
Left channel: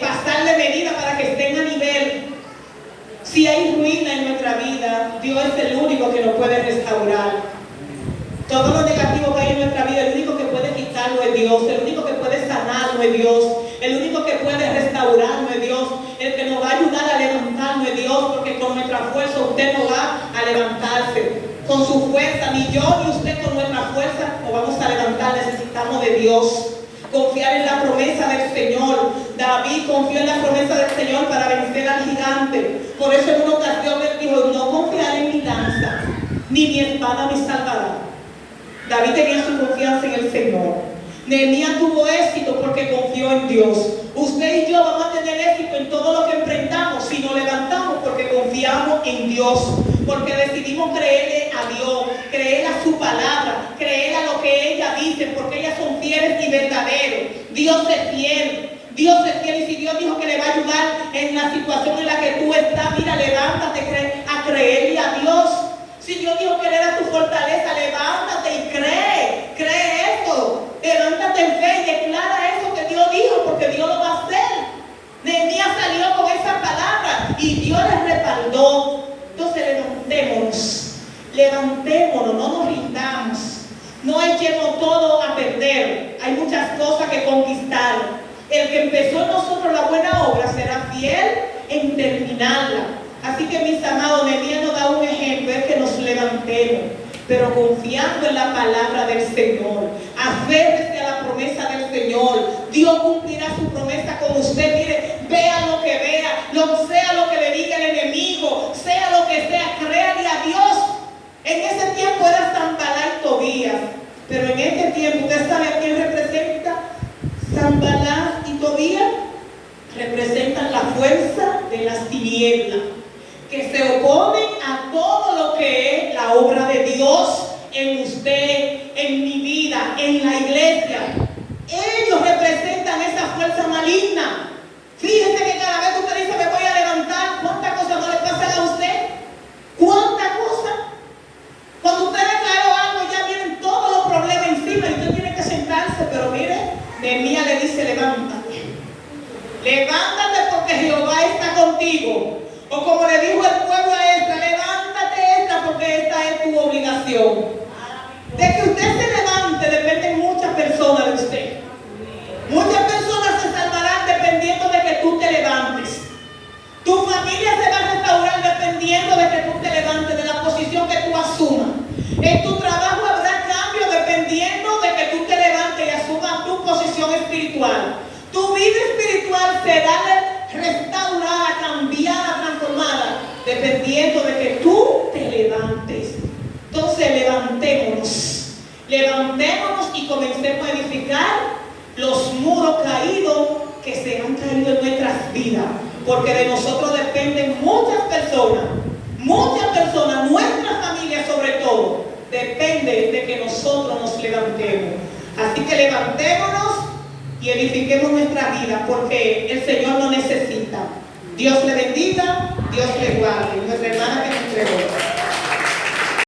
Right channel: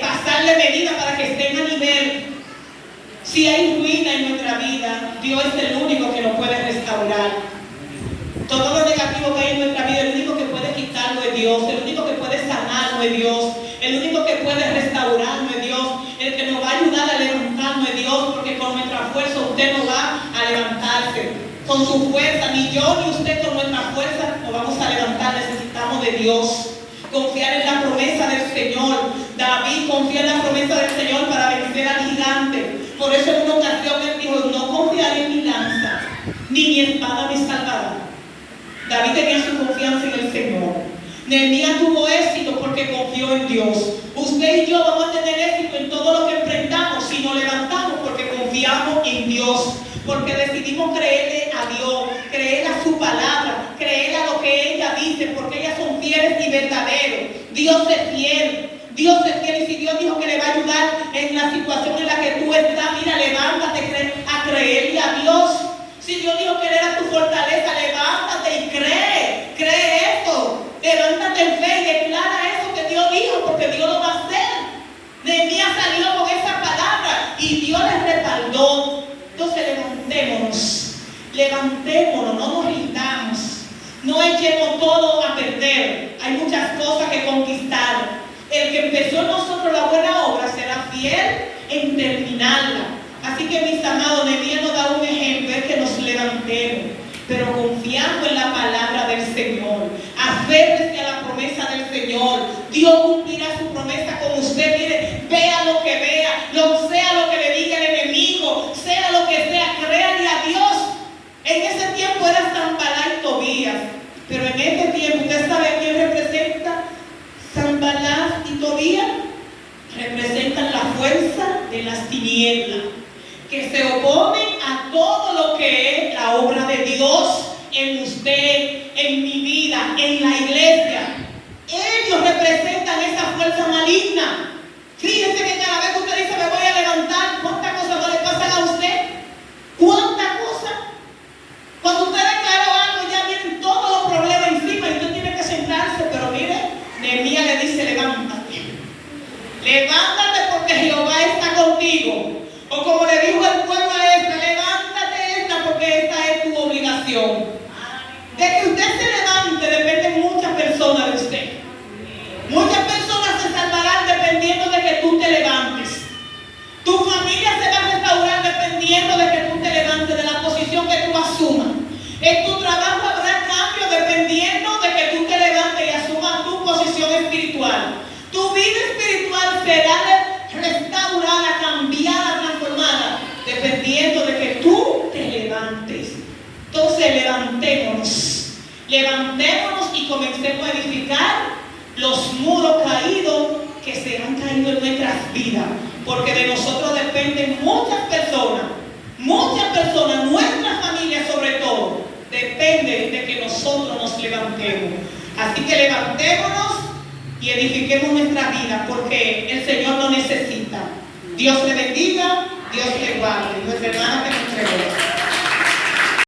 pasarle medida para que estén a nivel. Si hay ruina en nuestra vida, Dios es el único que nos puede restaurar. Todo lo negativo que hay en nuestra vida, el único que puede quitarlo es Dios, el único que puede sanarlo es Dios, el único que puede restaurarlo es Dios, el que nos va a ayudar a levantarnos es Dios, porque con nuestra fuerza usted no va a levantarse. con su fuerza, ni yo ni usted con nuestra fuerza nos vamos a levantar. Necesitamos de Dios. Confiar en la promesa del Señor. David confió en la promesa del Señor para vencer al gigante. Por eso en una ocasión él dijo: no confiaré en mi lanza, ni mi espada me salvará. David tenía su confianza en el Señor. Nehemías tuvo éxito porque confió en Dios. Usted y yo vamos a tener éxito en todo lo que emprendamos si nos levantamos porque confiamos en Dios, porque decidimos creerle a Dios, creer a su palabra, creer a lo que ella dice, porque ellas son fieles y verdaderos. Dios es fiel. Dios es fiel, y si Dios dijo que le va a ayudar en la situación en la que tú estás, mira, levántate a creerle a Dios. Si Dios dijo que era tu fortaleza, levántate y cree eso. Levántate en fe y declara eso que Dios dijo, porque Dios lo va a hacer. Nehemías salió con esa palabra y Dios le respaldó. Entonces levantémonos, no nos rindamos, no echemos todo a perder. Hay muchas cosas que conquistar. El que empezó en nosotros la buena obra será fiel en terminarla. Así que, mis amados, Nehemías nos da un ejemplo, es que nos levantemos, pero confiando en la palabra del Señor. Aférrese a la promesa del Señor. Dios cumplirá su promesa con usted. Mire, vea lo que vea, sea lo que le diga el enemigo, sea lo que sea, créale a Dios. En ese tiempo era Sanballat y Tobías, pero en este tiempo, ¿usted sabe a quién representa? Sanballat y Tobías representan la fuerza de las tinieblas, que se oponen a todo lo que es la obra de Dios en usted, en mi vida, en la iglesia. Ellos representan esa fuerza maligna. Fíjense que cada vez que usted dice me voy a levantar, ¿cuántas cosas no le pasan a usted? ¿Cuántas cosas? Cuando usted declaró algo, ya vienen todos los problemas encima y usted tiene que sentarse. Pero mire, Nehemías le dice: levántate. Levántate porque Jehová está contigo. O como le dijo el pueblo a esta: levántate esta porque esta es tu obligación. De que usted se levante dependen muchas personas de usted. Muchas personas se salvarán dependiendo de que tú te levantes. Tu familia se va a restaurar dependiendo de que tú te levantes de la posición que tú asumas. En tu trabajo habrá cambio dependiendo de que tú te levantes y asumas tu posición espiritual. Tu vida espiritual será restaurada, cambiada, transformada, dependiendo de que tú te levantes. Entonces levantémonos y comencemos a edificar los muros caídos que se han caído en nuestras vidas, porque de nosotros dependen muchas personas, nuestra familia sobre todo, depende de que nosotros nos levantemos. Así que levantémonos y edifiquemos nuestra vida, porque el Señor lo necesita. Dios le bendiga, Dios le guarde. Nuestra hermana que nos entregó.